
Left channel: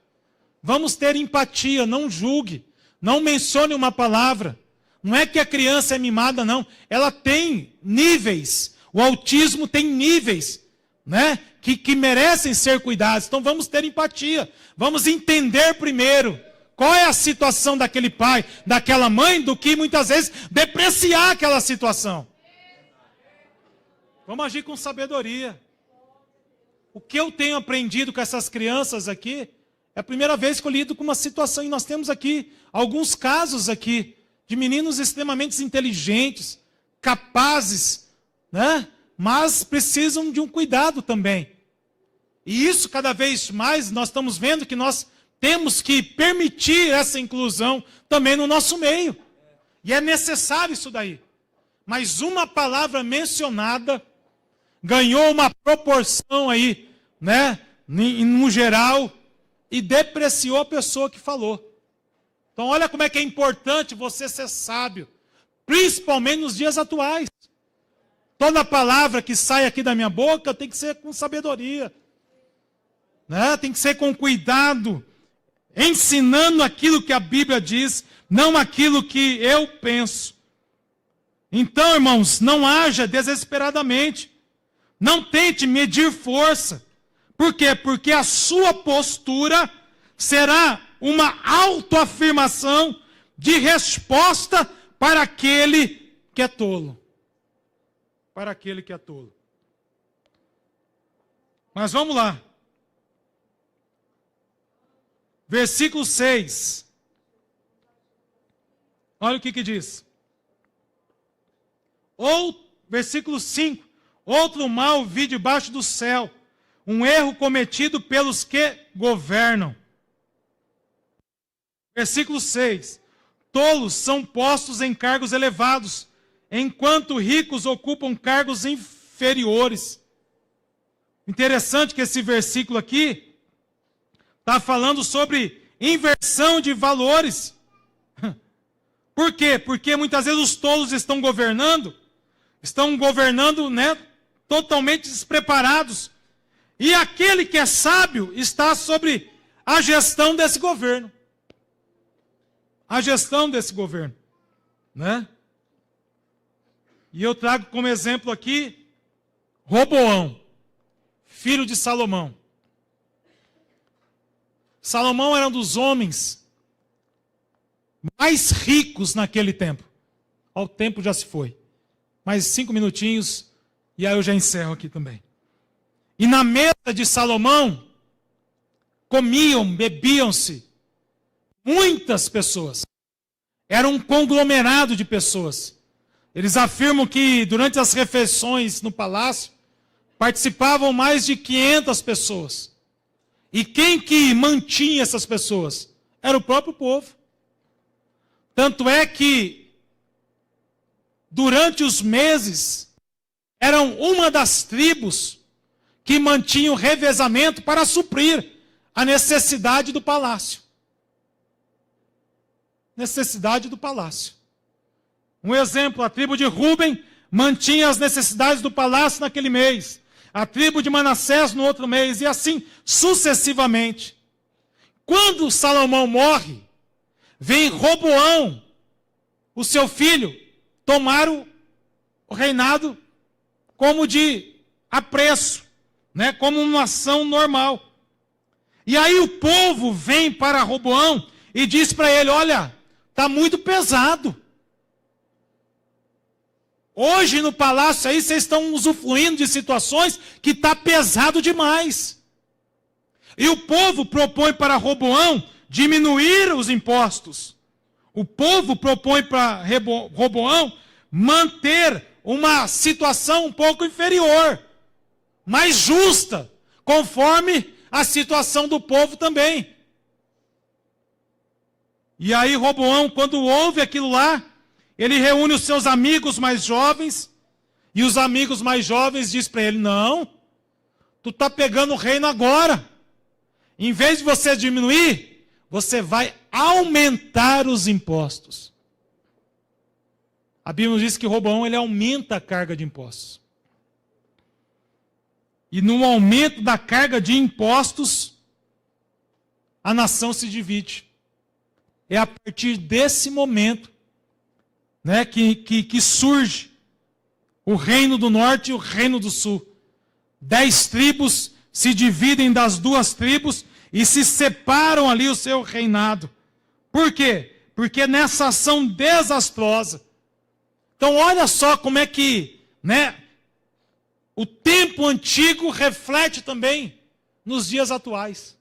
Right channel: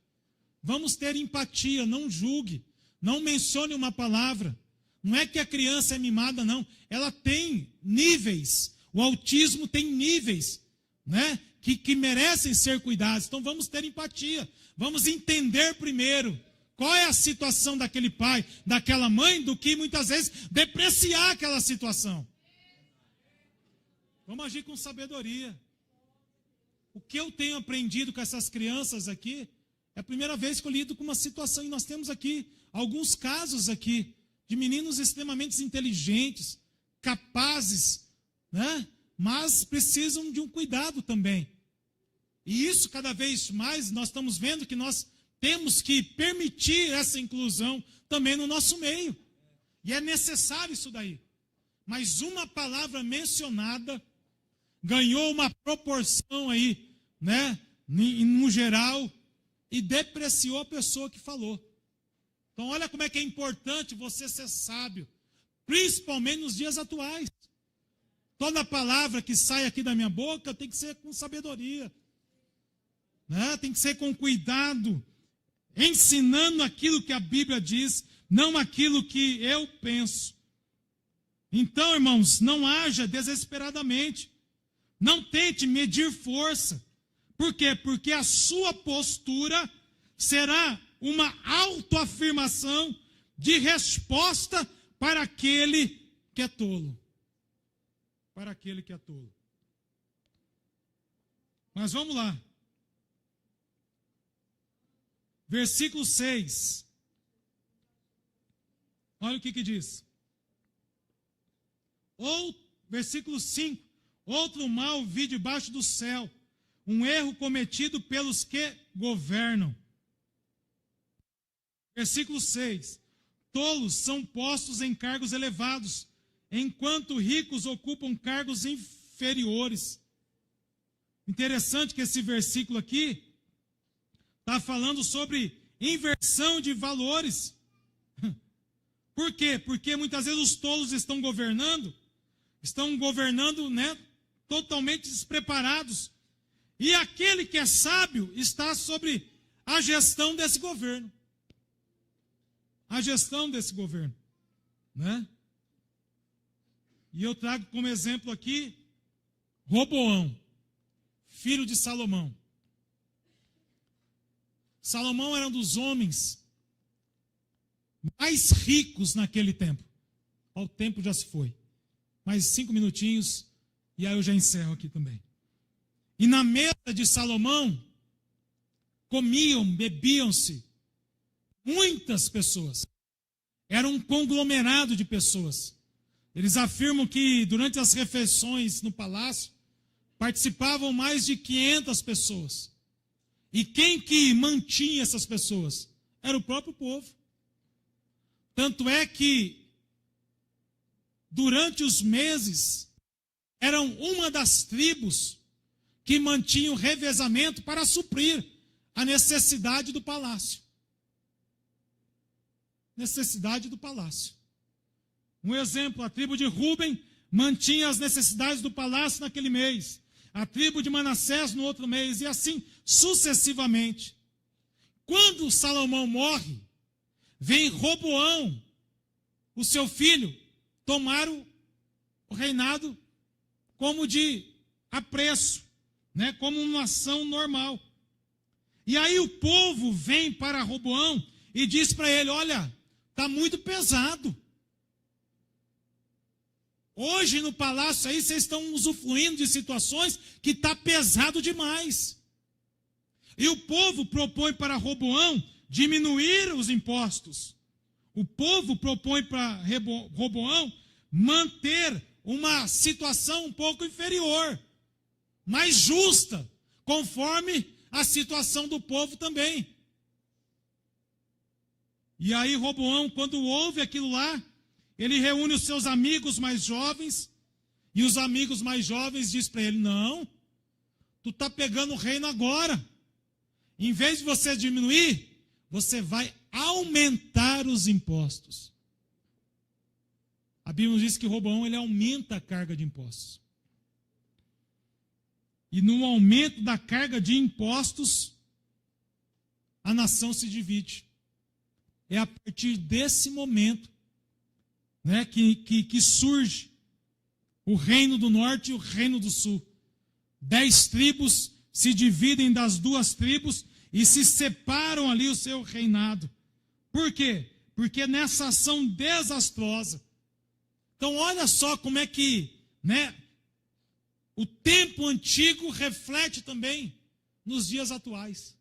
Vamos ter empatia, não julgue. Não mencione uma palavra. Não é que a criança é mimada, não. Ela tem níveis. O autismo tem níveis, né? Que merecem ser cuidados. Então vamos ter empatia. Vamos entender primeiro qual é a situação daquele pai, daquela mãe, do que muitas vezes depreciar aquela situação. Vamos agir com sabedoria. O que eu tenho aprendido com essas crianças aqui, é a primeira vez que eu lido com uma situação, e nós temos aqui alguns casos aqui, de meninos extremamente inteligentes, capazes, né? Mas precisam de um cuidado também. E isso cada vez mais nós estamos vendo que nós temos que permitir essa inclusão também no nosso meio. E é necessário isso daí. Mas uma palavra mencionada ganhou uma proporção aí, né, no geral, e depreciou a pessoa que falou. Então olha como é que é importante você ser sábio, principalmente nos dias atuais. Toda palavra que sai aqui da minha boca tem que ser com sabedoria, né? Tem que ser com cuidado, ensinando aquilo que a Bíblia diz, não aquilo que eu penso. Então, irmãos, não haja desesperadamente. Não tente medir força. Por quê? Porque a sua postura será uma autoafirmação de resposta para aquele que é tolo. Para aquele que é tolo. Mas vamos lá. Versículo 6. Olha o que diz. Versículo 5. Outro mal vi debaixo do céu, um erro cometido pelos que governam. Versículo 6. Tolos são postos em cargos elevados, enquanto ricos ocupam cargos inferiores. Interessante que esse versículo aqui está falando sobre inversão de valores. Por quê? Porque muitas vezes os tolos estão governando, né, totalmente despreparados. E aquele que é sábio está sobre a gestão desse governo. A gestão desse governo, né? E eu trago como exemplo aqui Roboão, filho de Salomão. Salomão era um dos homens mais ricos naquele tempo. O tempo já se foi. Mais 5 minutinhos e aí eu já encerro aqui também. E na mesa de Salomão comiam, bebiam-se muitas pessoas. Era um conglomerado de pessoas. Eles afirmam que durante as refeições no palácio participavam mais de 500 pessoas. E quem que mantinha essas pessoas? Era o próprio povo. Tanto é que, durante os meses, eram uma das tribos que mantinham revezamento para suprir a necessidade do palácio. Necessidade do palácio. Um exemplo, a tribo de Ruben mantinha as necessidades do palácio naquele mês. A tribo de Manassés no outro mês, e assim sucessivamente. Quando Salomão morre, vem Roboão, o seu filho, tomar o reinado como de apreço, né, como uma ação normal. E aí o povo vem para Roboão e diz para ele: olha, está muito pesado. Hoje no palácio aí vocês estão usufruindo de situações que está pesado demais. E o povo propõe para Roboão diminuir os impostos. O povo propõe para Roboão manter uma situação um pouco inferior, mais justa, conforme a situação do povo também. E aí Roboão, quando ouve aquilo lá, ele reúne os seus amigos mais jovens, e os amigos mais jovens dizem para ele: não, tu está pegando o reino agora. Em vez de você diminuir, você vai aumentar os impostos. A Bíblia diz que Roboão ele aumenta a carga de impostos. E no aumento da carga de impostos, a nação se divide. É a partir desse momento, né, que surge o reino do norte e o reino do sul. 10 tribos se dividem das 2 tribos e se separam ali o seu reinado. Por quê? Porque nessa ação desastrosa. Então olha só como é que, né, o tempo antigo reflete também nos dias atuais.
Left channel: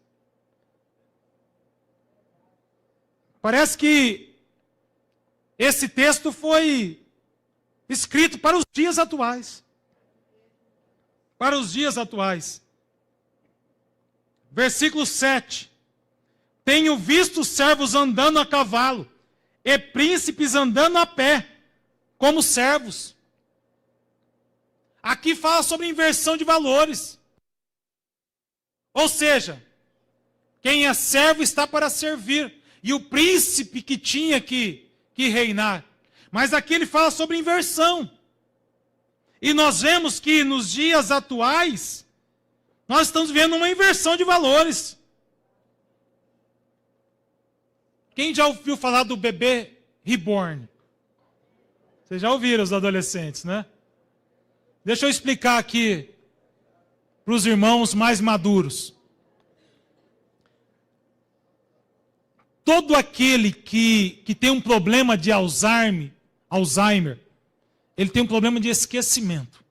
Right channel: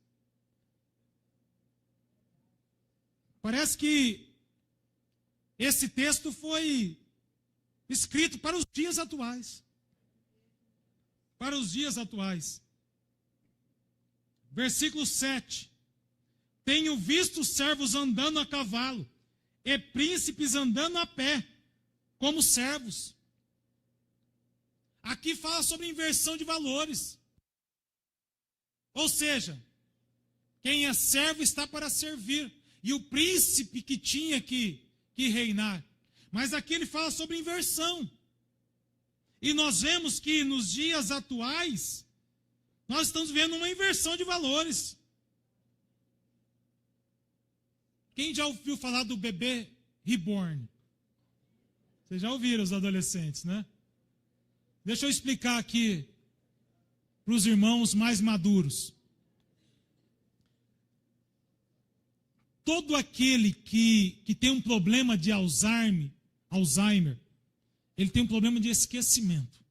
Parece que esse texto foi escrito para os dias atuais. Para os dias atuais. Versículo 7. Tenho visto servos andando a cavalo, e príncipes andando a pé, como servos. Aqui fala sobre inversão de valores. Ou seja, quem é servo está para servir. E o príncipe que tinha que reinar. Mas aqui ele fala sobre inversão. E nós vemos que nos dias atuais, nós estamos vendo uma inversão de valores. Quem já ouviu falar do bebê reborn? Vocês já ouviram, os adolescentes, né? Deixa eu explicar aqui para os irmãos mais maduros. Todo aquele que tem um problema de Alzheimer, ele tem um problema de esquecimento.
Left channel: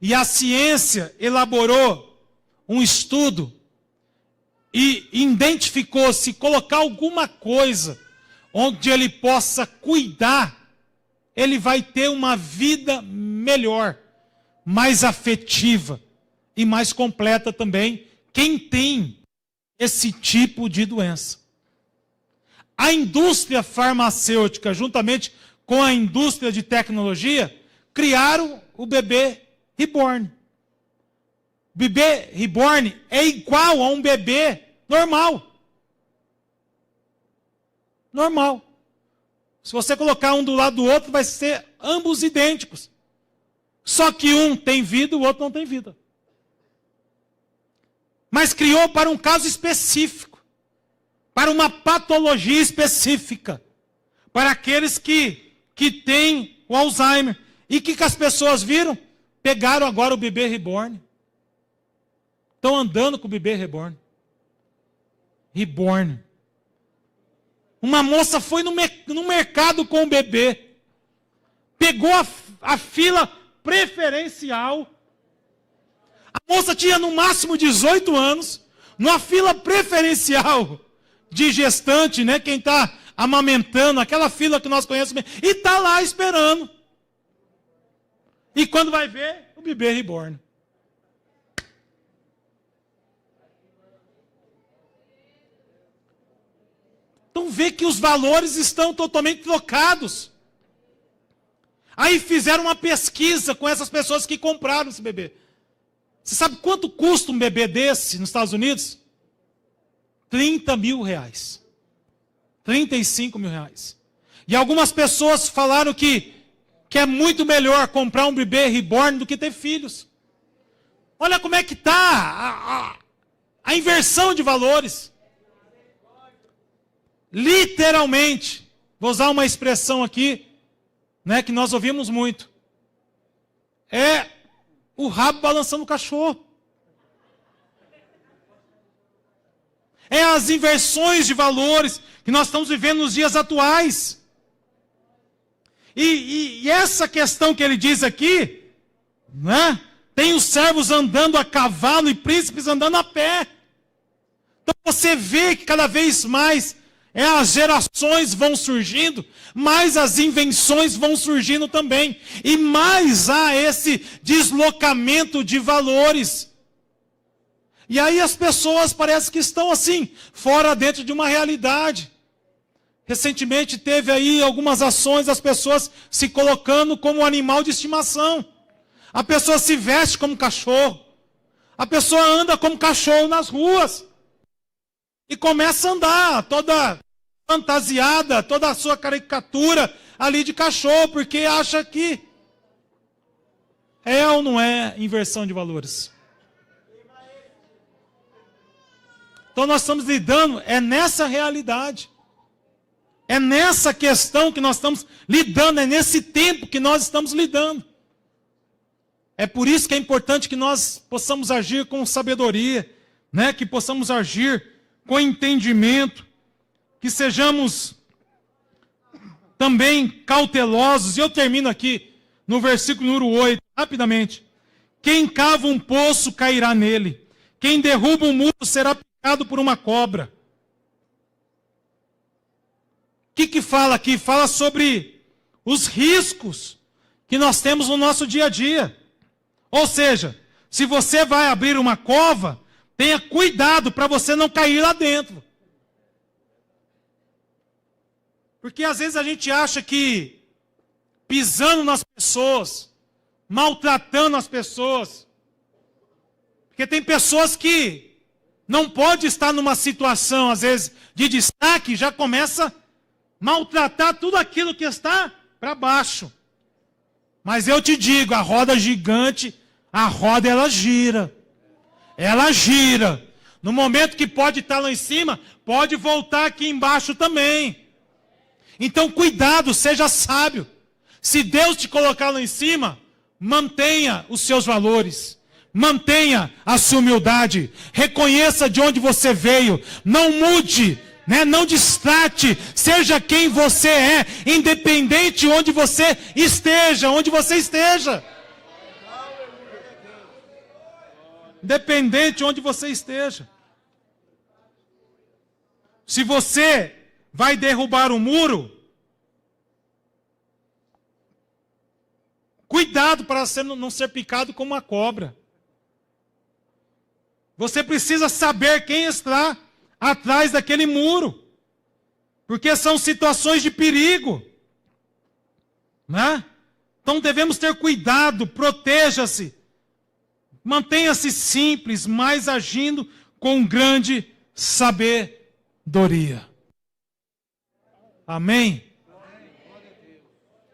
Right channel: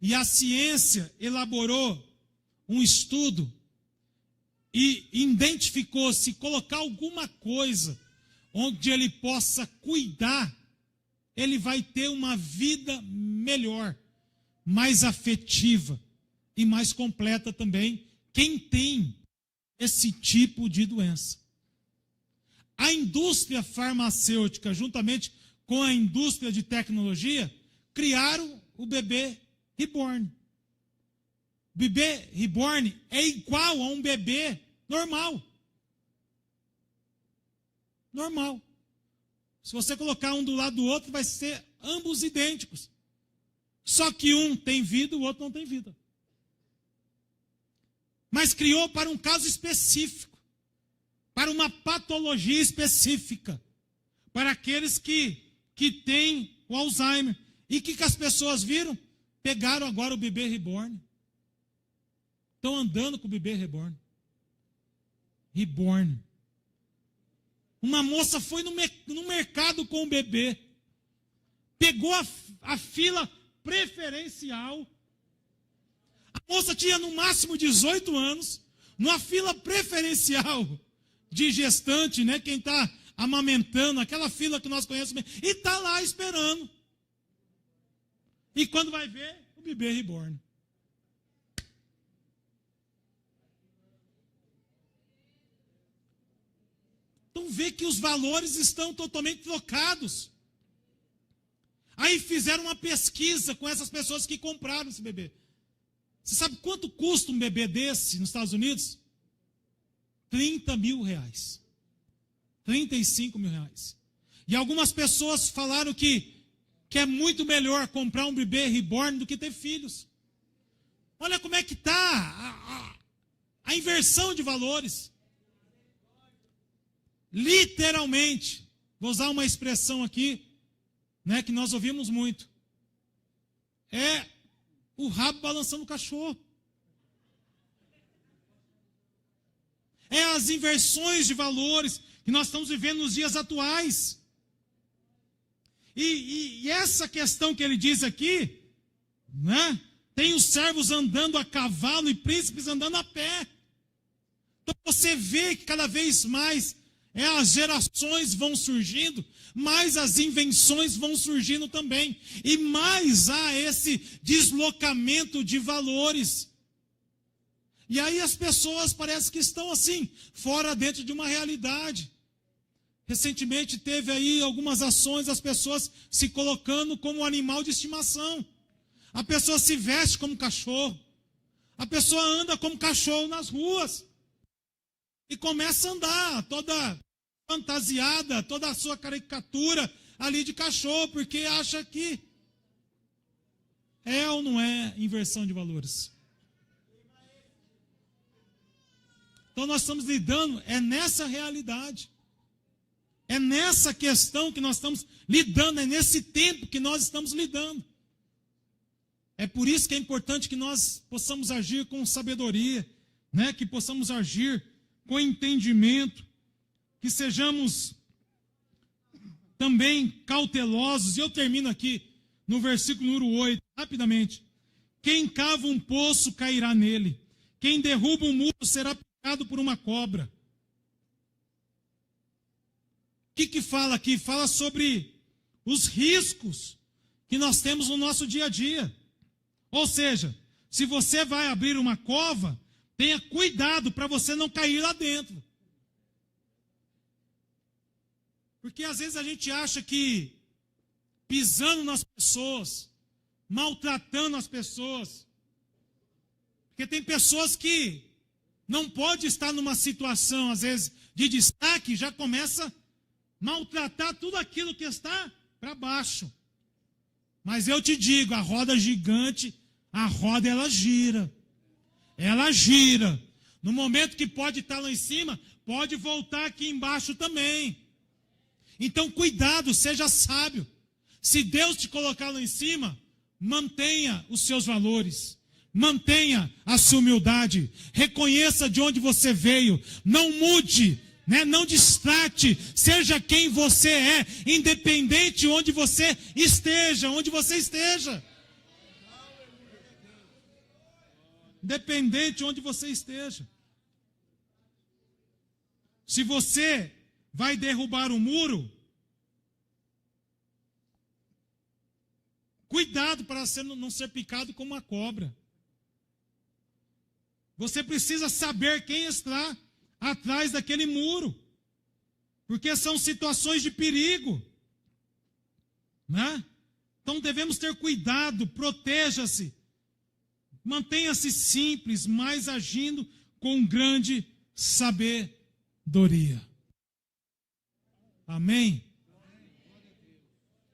E a ciência elaborou um estudo e identificou se colocar alguma coisa onde ele possa cuidar, ele vai ter uma vida melhor, mais afetiva e mais completa também, quem tem esse tipo de doença. A indústria farmacêutica, juntamente com a indústria de tecnologia, criaram o bebê reborn. O bebê reborn é igual a um bebê normal. Normal. Se você colocar um do lado do outro, vai ser ambos idênticos. Só que um tem vida e o outro não tem vida. Mas criou para um caso específico. Para uma patologia específica. Para aqueles que têm o Alzheimer. E o que as pessoas viram? Pegaram agora o bebê reborn. Estão andando com o bebê reborn. Reborn. Uma moça foi no mercado com o bebê. Pegou a fila preferencial. A moça tinha no máximo 18 anos. Numa fila preferencial de gestante, né? Quem está amamentando, aquela fila que nós conhecemos. E está lá esperando. E quando vai ver, o bebê reborn. Então vê que os valores estão totalmente trocados. Aí fizeram uma pesquisa com essas pessoas que compraram esse bebê. Você sabe quanto custa um bebê desse nos Estados Unidos? 30 mil reais. 35 mil reais. E algumas pessoas falaram que é muito melhor comprar um bebê reborn do que ter filhos. Olha como é que está a inversão de valores. Literalmente, vou usar uma expressão aqui, né, que nós ouvimos muito. É o rabo balançando o cachorro. É as inversões de valores que nós estamos vivendo nos dias atuais. E essa questão que ele diz aqui, né? Tem os servos andando a cavalo e príncipes andando a pé. Então você vê que cada vez mais as gerações vão surgindo, mais as invenções vão surgindo também. E mais há esse deslocamento de valores. E aí as pessoas parecem que estão assim, fora dentro de uma realidade. Recentemente teve aí algumas ações das pessoas se colocando como animal de estimação. A pessoa se veste como cachorro. A pessoa anda como cachorro nas ruas. E começa a andar toda fantasiada, toda a sua caricatura ali de cachorro, porque acha que é ou não é inversão de valores. Então nós estamos lidando, é nessa realidade. É nessa questão que nós estamos lidando, é nesse tempo que nós estamos lidando. É por isso que é importante que nós possamos agir com sabedoria, né? Que possamos agir com entendimento, que sejamos também cautelosos. E eu termino aqui no versículo número 8, rapidamente. Quem cava um poço cairá nele, quem derruba um muro será picado por uma cobra. O que fala aqui? Fala sobre os riscos que nós temos no nosso dia a dia. Ou seja, se você vai abrir uma cova, tenha cuidado para você não cair lá dentro. Porque às vezes a gente acha que pisando nas pessoas, maltratando as pessoas, porque tem pessoas que não pode estar numa situação, às vezes, de destaque, já começa a maltratar tudo aquilo que está para baixo. Mas eu te digo, a roda gigante, a roda ela gira. Ela gira. No momento que pode estar lá em cima, pode voltar aqui embaixo também. Então cuidado, seja sábio. Se Deus te colocar lá em cima, mantenha os seus valores. Mantenha a sua humildade. Reconheça de onde você veio. Não mude. Não distrate, seja quem você é, independente onde você esteja, Independente onde você esteja. Se você vai derrubar um muro, cuidado para você não ser picado como uma cobra. Você precisa saber quem está atrás daquele muro, porque são situações de perigo, né? Então devemos ter cuidado, proteja-se, mantenha-se simples, mas agindo com grande sabedoria. Amém?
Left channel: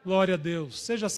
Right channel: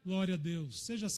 Glória a Deus. Seja